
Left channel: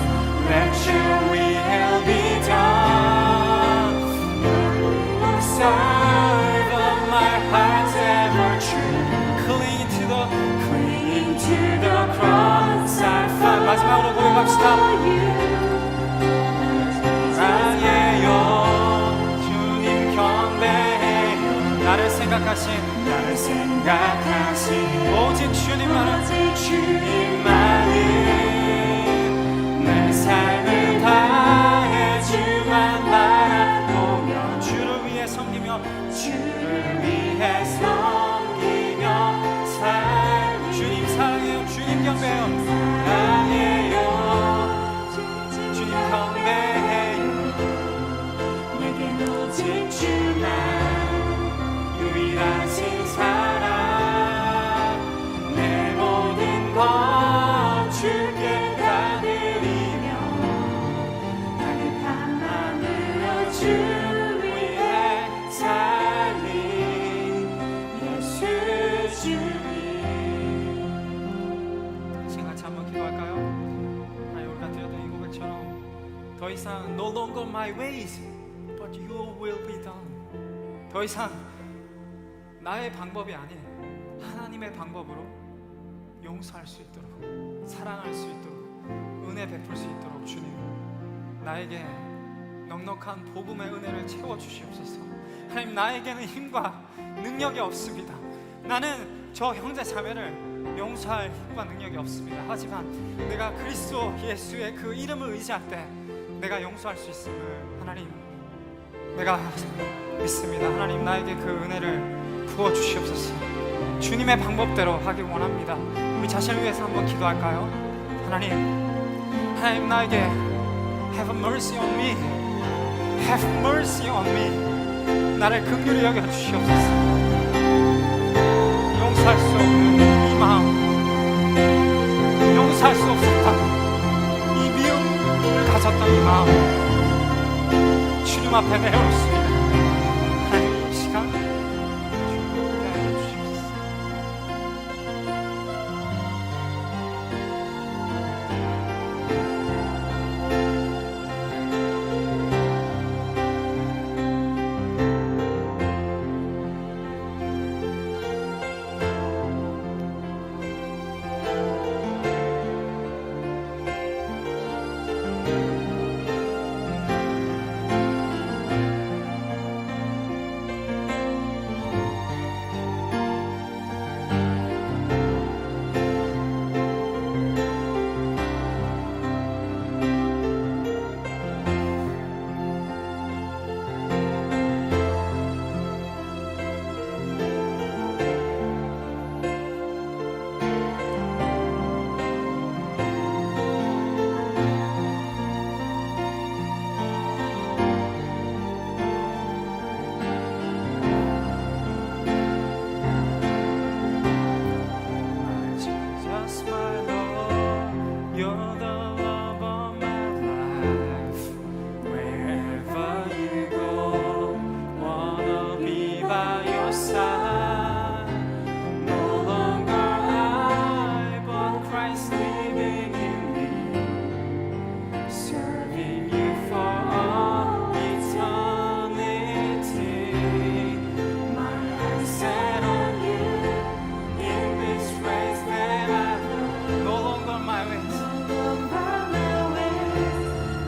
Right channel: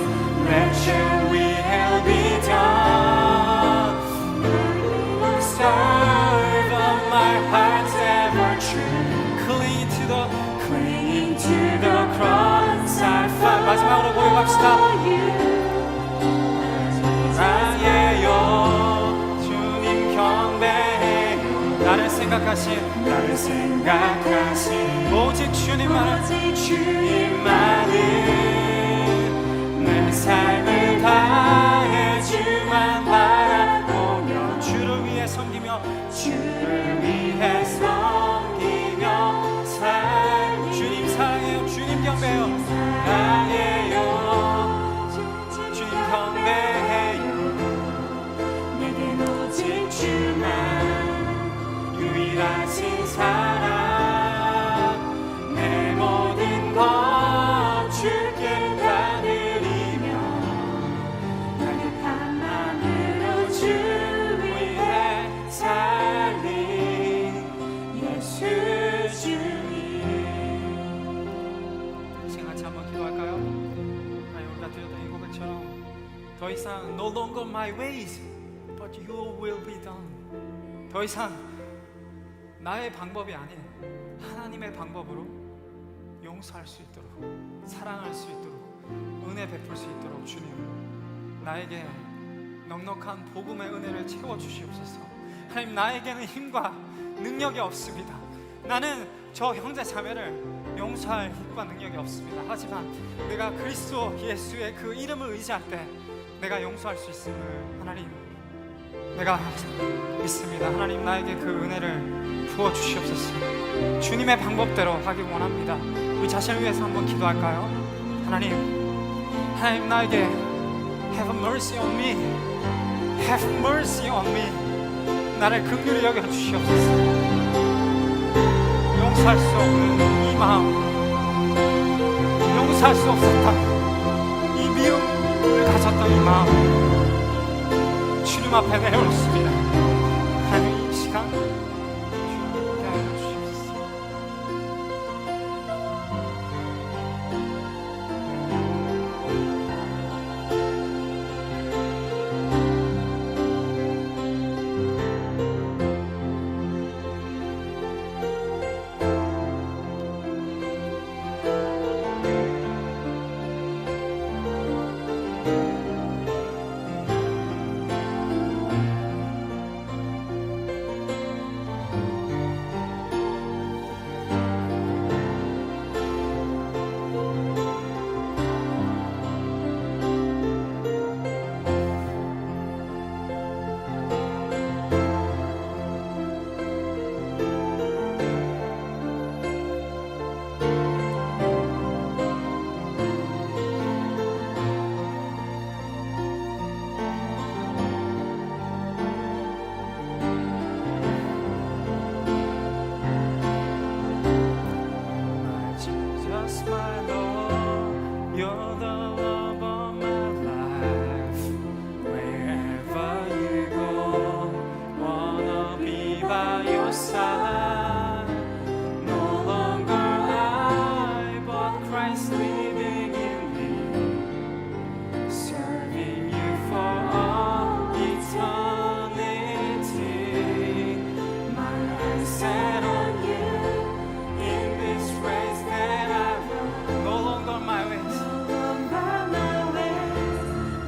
let your will be done. Serve of my heart's ever true. Clinging to the cross, I find. 마지막으로 고백합시다. 사랑해요, 주님 경배해요. 나를 생각하시는 생각하신 나를 생각하신 오직 주님만을 주님만은 내 삶을 다해 주만 바라보며 주를 위해 섬기며 주를 위해 섬기며 살 주님 사랑해요. 주님 경배해요. 사랑해요 주님 경배해요 내겐 오직 주만 유일하신 사랑 내 모든 것 주께 다 드리며 따뜻한 마음으로 주 위해 살린 예수 주님 같이 한번 기도할까요? 하나님, 우리가 드렸던 이 고백처럼 더 이상 no longer my ways but your will be done. 더 이상 나의 방법이 아닌 하나님의 방법으로 용서할 수 있도록, 사랑할 수 있도록, 은혜 베풀 수 있도록 주님, 나에게 넉넉한 복음의 은혜를 채워 주시옵소서. 하나님, 나에게는 힘과 능력이 없습니다. 나는 저 형제 자매를 용서할 힘과 능력이 없습니다. 하지만 내가 그리스도 예수의 그 이름을 의지할 때 내가 용서할 수 있음을 하나님, 내가 믿습니다. 하나님, 나에게 그 은혜를 부어 주시옵소서. 주님의 방법대로 하기 원합니다. 우리 자신을 위해서 한번 기도할까요? 하나님, 나에게 have mercy on me, have mercy on me. 나를 긍휼히 여겨 주시옵소서. 용서할 수 없는 이 마음, 용서할 수 없었던 이 미움을 가졌던 이 마음 주님 앞에 내어놓습니다. 하나님, 이 시간 주님께 하여 주시옵소서. Jesus, my Lord, you're the love of my life. Wherever you go, wanna be by your side. No longer I, but Christ living in me, serving you for all eternity. My eyes set on you in this race that I run. No longer my ways,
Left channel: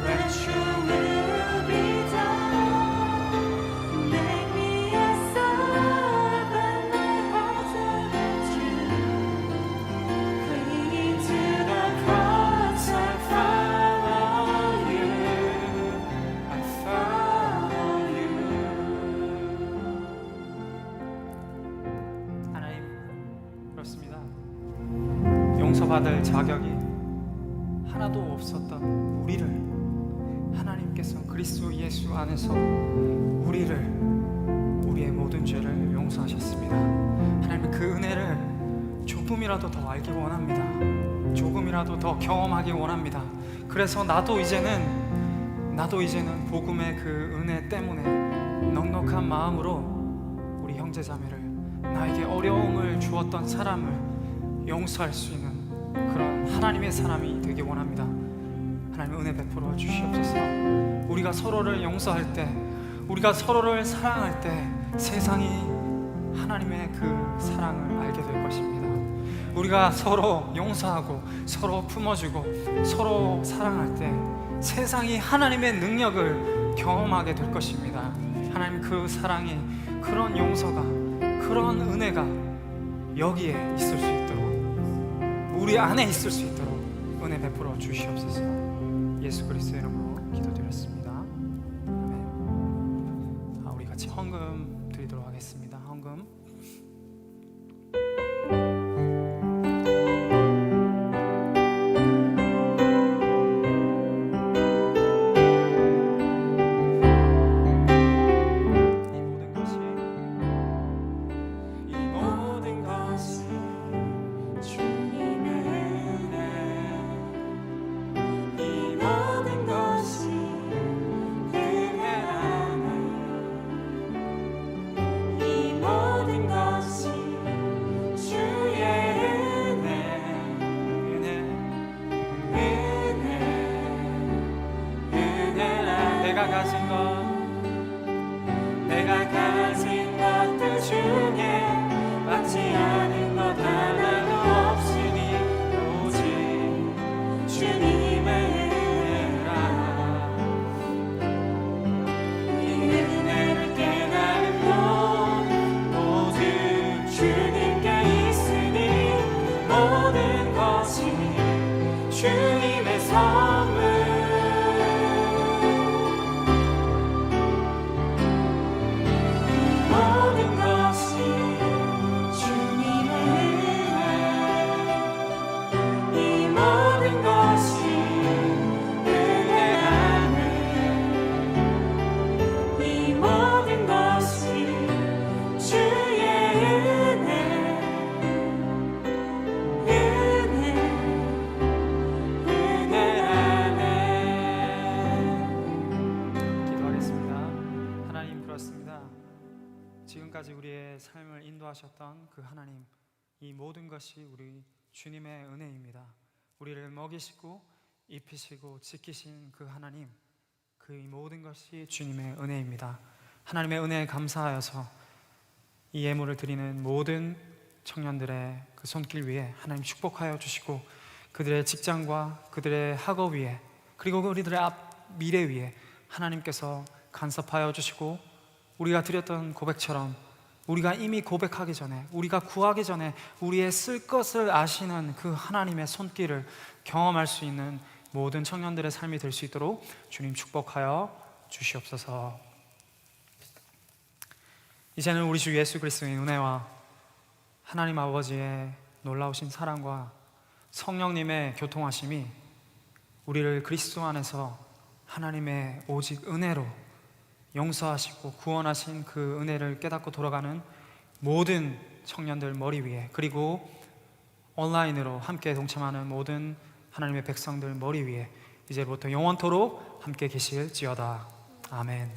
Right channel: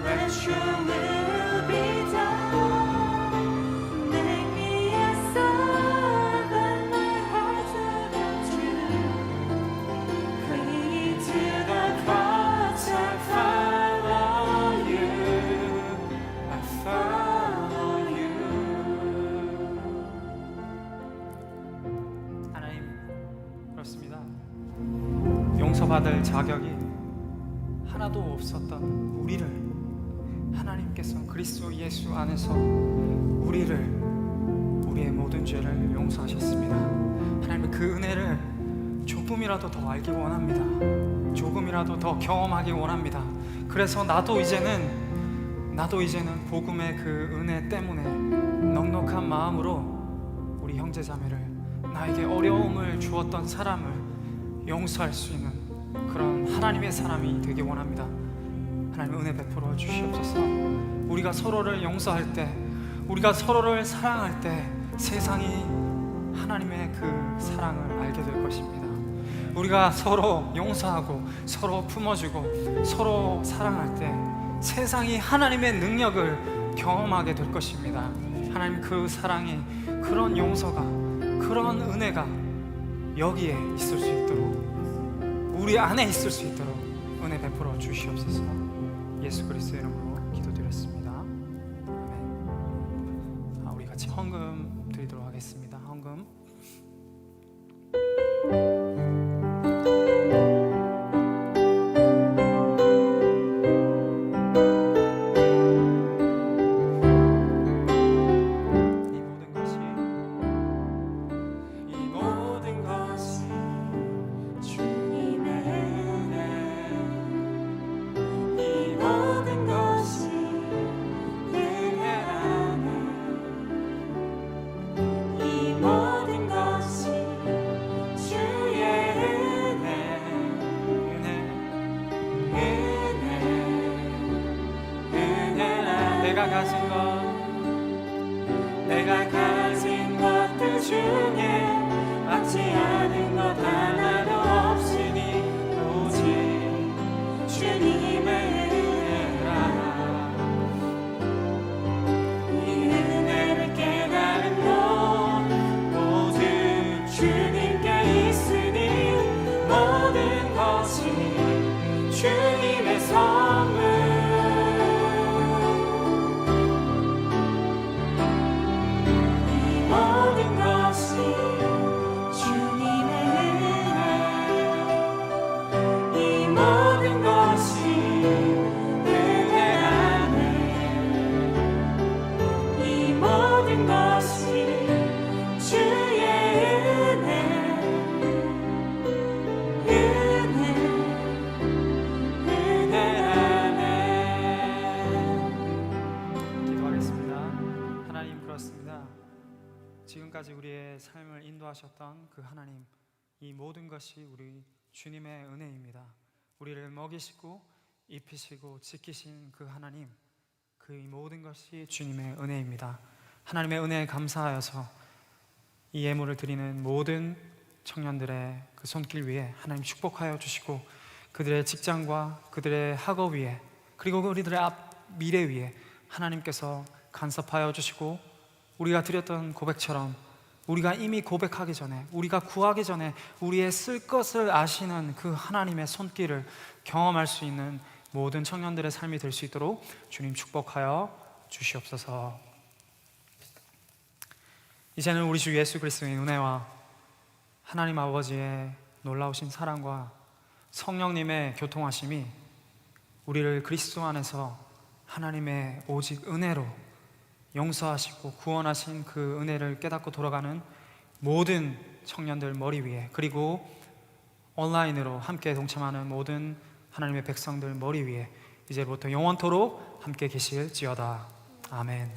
Let your will be done. Make me a servant, my heart's about you. Clinging to the cross, I follow you. I follow you. 하나님, 그렇습니다. 용서받을 자격이 하나도 없었던 우리를 하나님께서 그리스도 예수 안에서 우리의 모든 죄를 용서하셨습니다. 하나님, 그 은혜를 조금이라도 더 알기 원합니다. 조금이라도 더 경험하기 원합니다. 그래서 나도 이제는 복음의 그 은혜 때문에 넉넉한 마음으로 우리 형제 자매를, 나에게 어려움을 주었던 사람을 용서할 수 있는 그런 하나님의 사람이 되기 원합니다. 하나님, 은혜 베풀어 주시옵소서. 우리가 서로를 용서할 때, 우리가 서로를 사랑할 때 세상이 하나님의 그 사랑을 알게 될 것입니다. 우리가 서로 용서하고 서로 품어주고 서로 사랑할 때 세상이 하나님의 능력을 경험하게 될 것입니다. 하나님, 그 사랑이, 그런 용서가 그런 은혜가 여기에 있을 수 있도록, 우리 안에 있을 수 있도록 은혜 베풀어 주시옵소서. 예수 그리스도의 이름으로 기도드렸습니다. 아멘. 우리 같이 헌금 드리도록 하겠습니다. 헌금. 내가 가진 것들 중에 받지 않은 것 하나도 없으니 오직 주님의 은혜라. 이 은혜를 깨달은 것 모두 주님께 있으니 모든 것이 주님의 선물. 지금까지 우리의 삶을 인도하셨던 그 하나님, 이 모든 것이 우리 주님의 은혜입니다. 우리를 먹이시고 입히시고 지키신 그 하나님, 그 모든 것이 주님의 은혜입니다. 하나님의 은혜에 감사하여서 이 예물을 드리는 모든 청년들의 그 손길 위에 하나님 축복하여 주시고, 그들의 직장과 그들의 학업 위에, 그리고 우리들의 앞 미래 위에 하나님께서 간섭하여 주시고, 우리가 드렸던 고백처럼 우리가 이미 고백하기 전에, 우리가 구하기 전에 우리의 쓸 것을 아시는 그 하나님의 손길을 경험할 수 있는 모든 청년들의 삶이 될 수 있도록 주님 축복하여 주시옵소서. 이제는 우리 주 예수 그리스도의 은혜와 하나님 아버지의 놀라우신 사랑과 성령님의 교통하심이 우리를 그리스도 안에서 하나님의 오직 은혜로 용서하시고 구원하신 그 은혜를 깨닫고 돌아가는 모든 청년들 머리 위에, 그리고 온라인으로 함께 동참하는 모든 하나님의 백성들 머리 위에 이제부터 영원토록 함께 계실지어다. 아멘.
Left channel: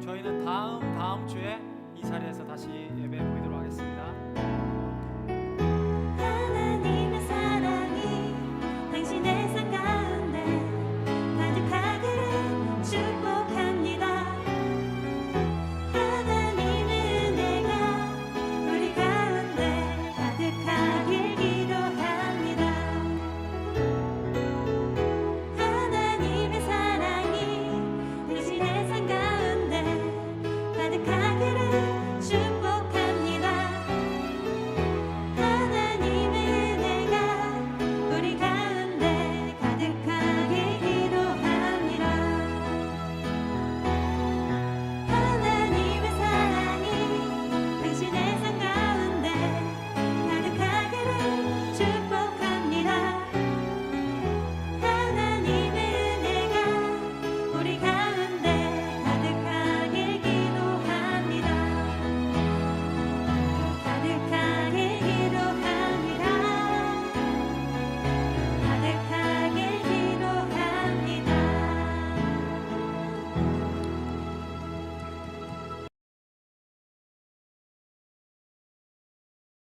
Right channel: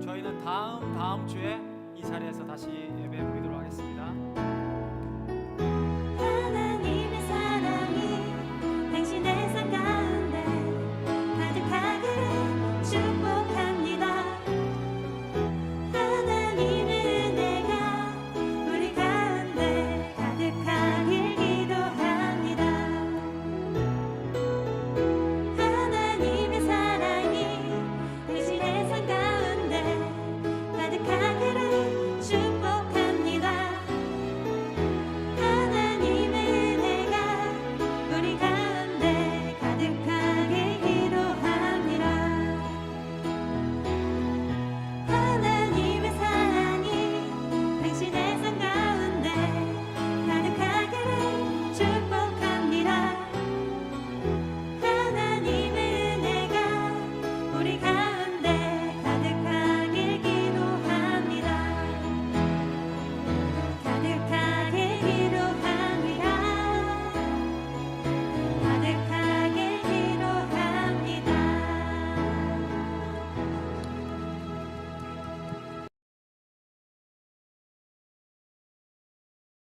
저희는 다음 주에 이 자리에서 다시 예배 모이도록 하겠습니다.